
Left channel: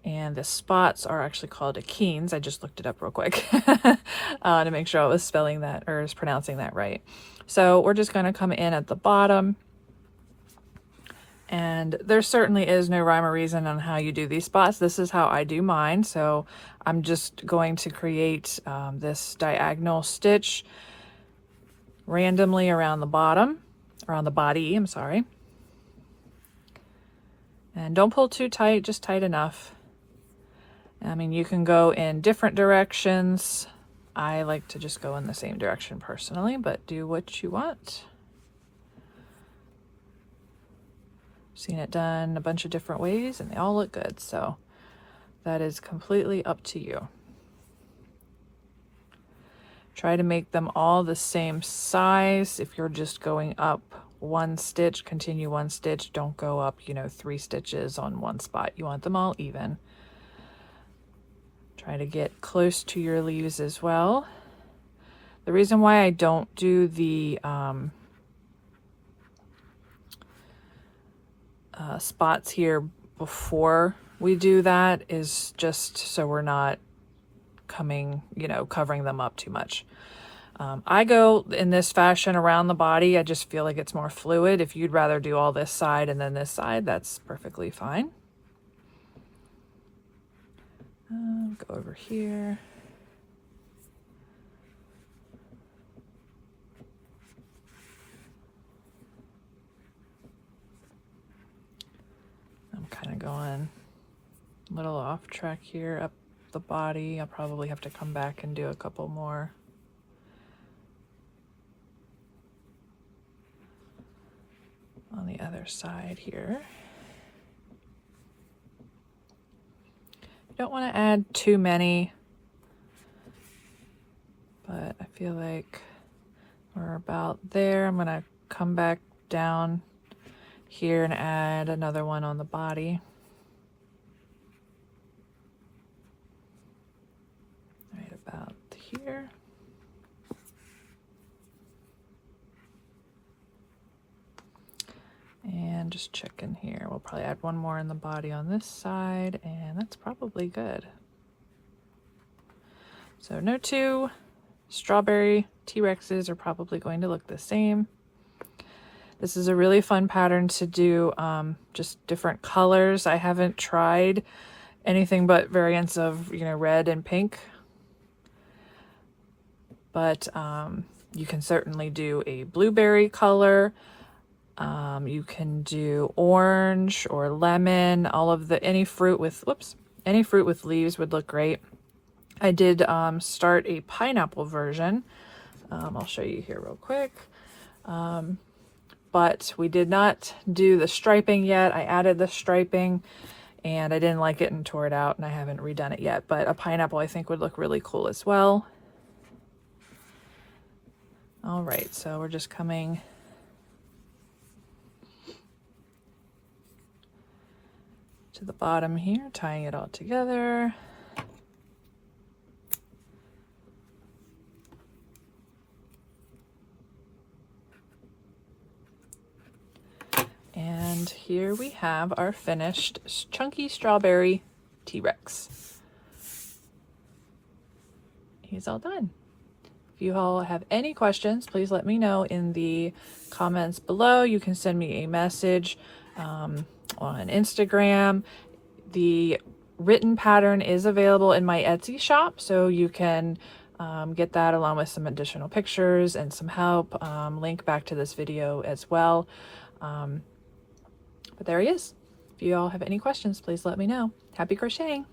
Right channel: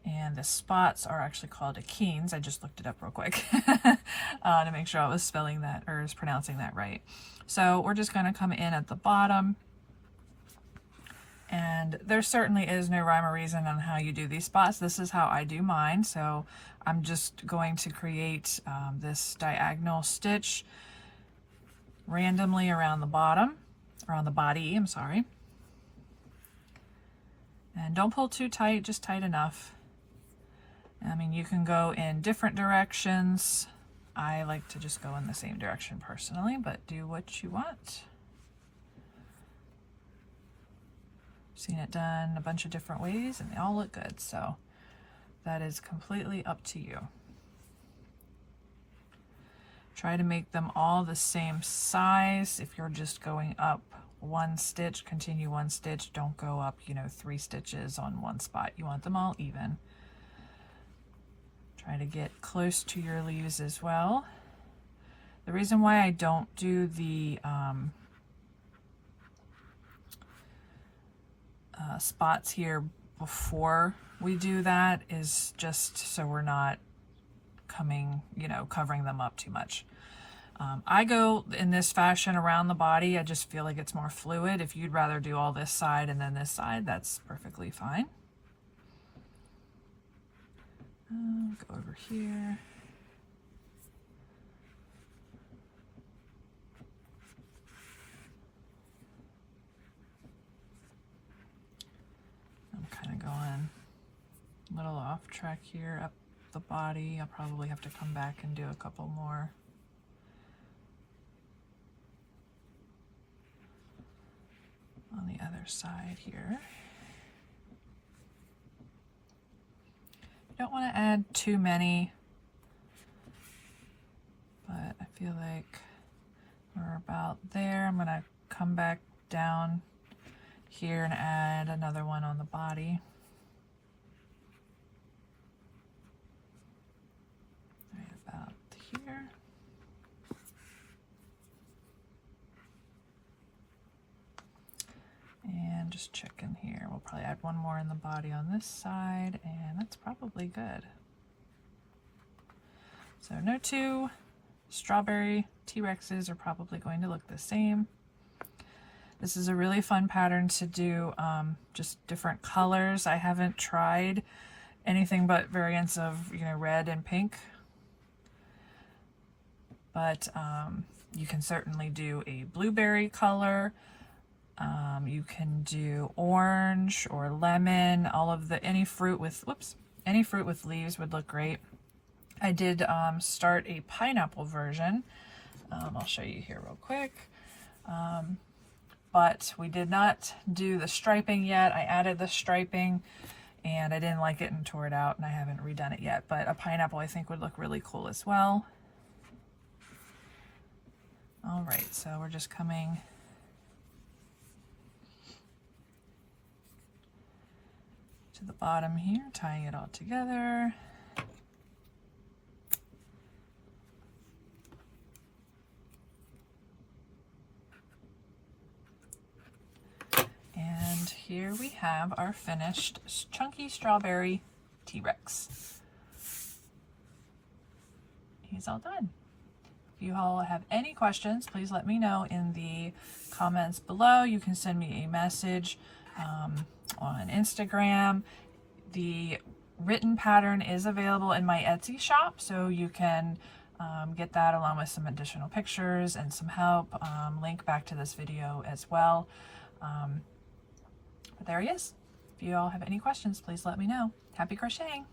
And the spots are actually called akenes. I just looked it up real quick to make sure I was spelling that or is pronouncing that right. So we're just gonna come in at the bottom. And there certainly is no rhyme or reason on how you do these spots. This is how I do mine. So I'm just going to create this diagonal stitch randomly around the bottom, around the body, I'm sorry. And don't pull too tight, just tight enough. I mean, you can go in different directions. I like to just go in the same direction personally, but do what you want. Seen it done a bunch of different ways and they all look good, so that is completely up to you. Try to make them all the same size. If you're just going up 1 stitch, continue 1 stitch, don't go up, 3 stitches on one spot. You want them all even. Try to get close to your leaves as well. The reason why I don't do the spots here before we do that is just so we're not covering them up too much. I go in this fashion around the body. I just feel like it's more fluid. If you'd rather do all this side and then this side, that's perfectly fine. Go over here. I'm kind of going a little off track here up the body. I'll probably have to come back and do a couple more. On the other side here. You don't want to add too many, but I feel like we're about there. I'm going to come back down here and add another one on the body. Right about here. And just check in here. We'll probably add one more in the body on this side, and that's probably good. So no 2 strawberry T-Rexes are probably going to look the same. This is a really fun pattern to do, just different colors. I haven't tried anything but variants of, red and pink. But you can certainly do a blueberry color. You can do orange or lemon, any fruit with leaves would look great. I did start a pineapple version. I'll show you here real quick. But we did not do the striping yet. I added the striping and I didn't like it and tore it out, and I haven't redone it yet. But a pineapple I think would look really cool as well. All right, so we're just coming to the bottom here, tying it all together. And here we have our finished chunky strawberry T-Rex. He's all done. If you all have any questions, please let me know in the comments below. You can send me a message on Instagram. The written pattern is available in my Etsy shop, so you can get that along with some additional pictures and some help. Link back to this video as well. But there he is. If you all have any questions, please let me know. Happy crocheting!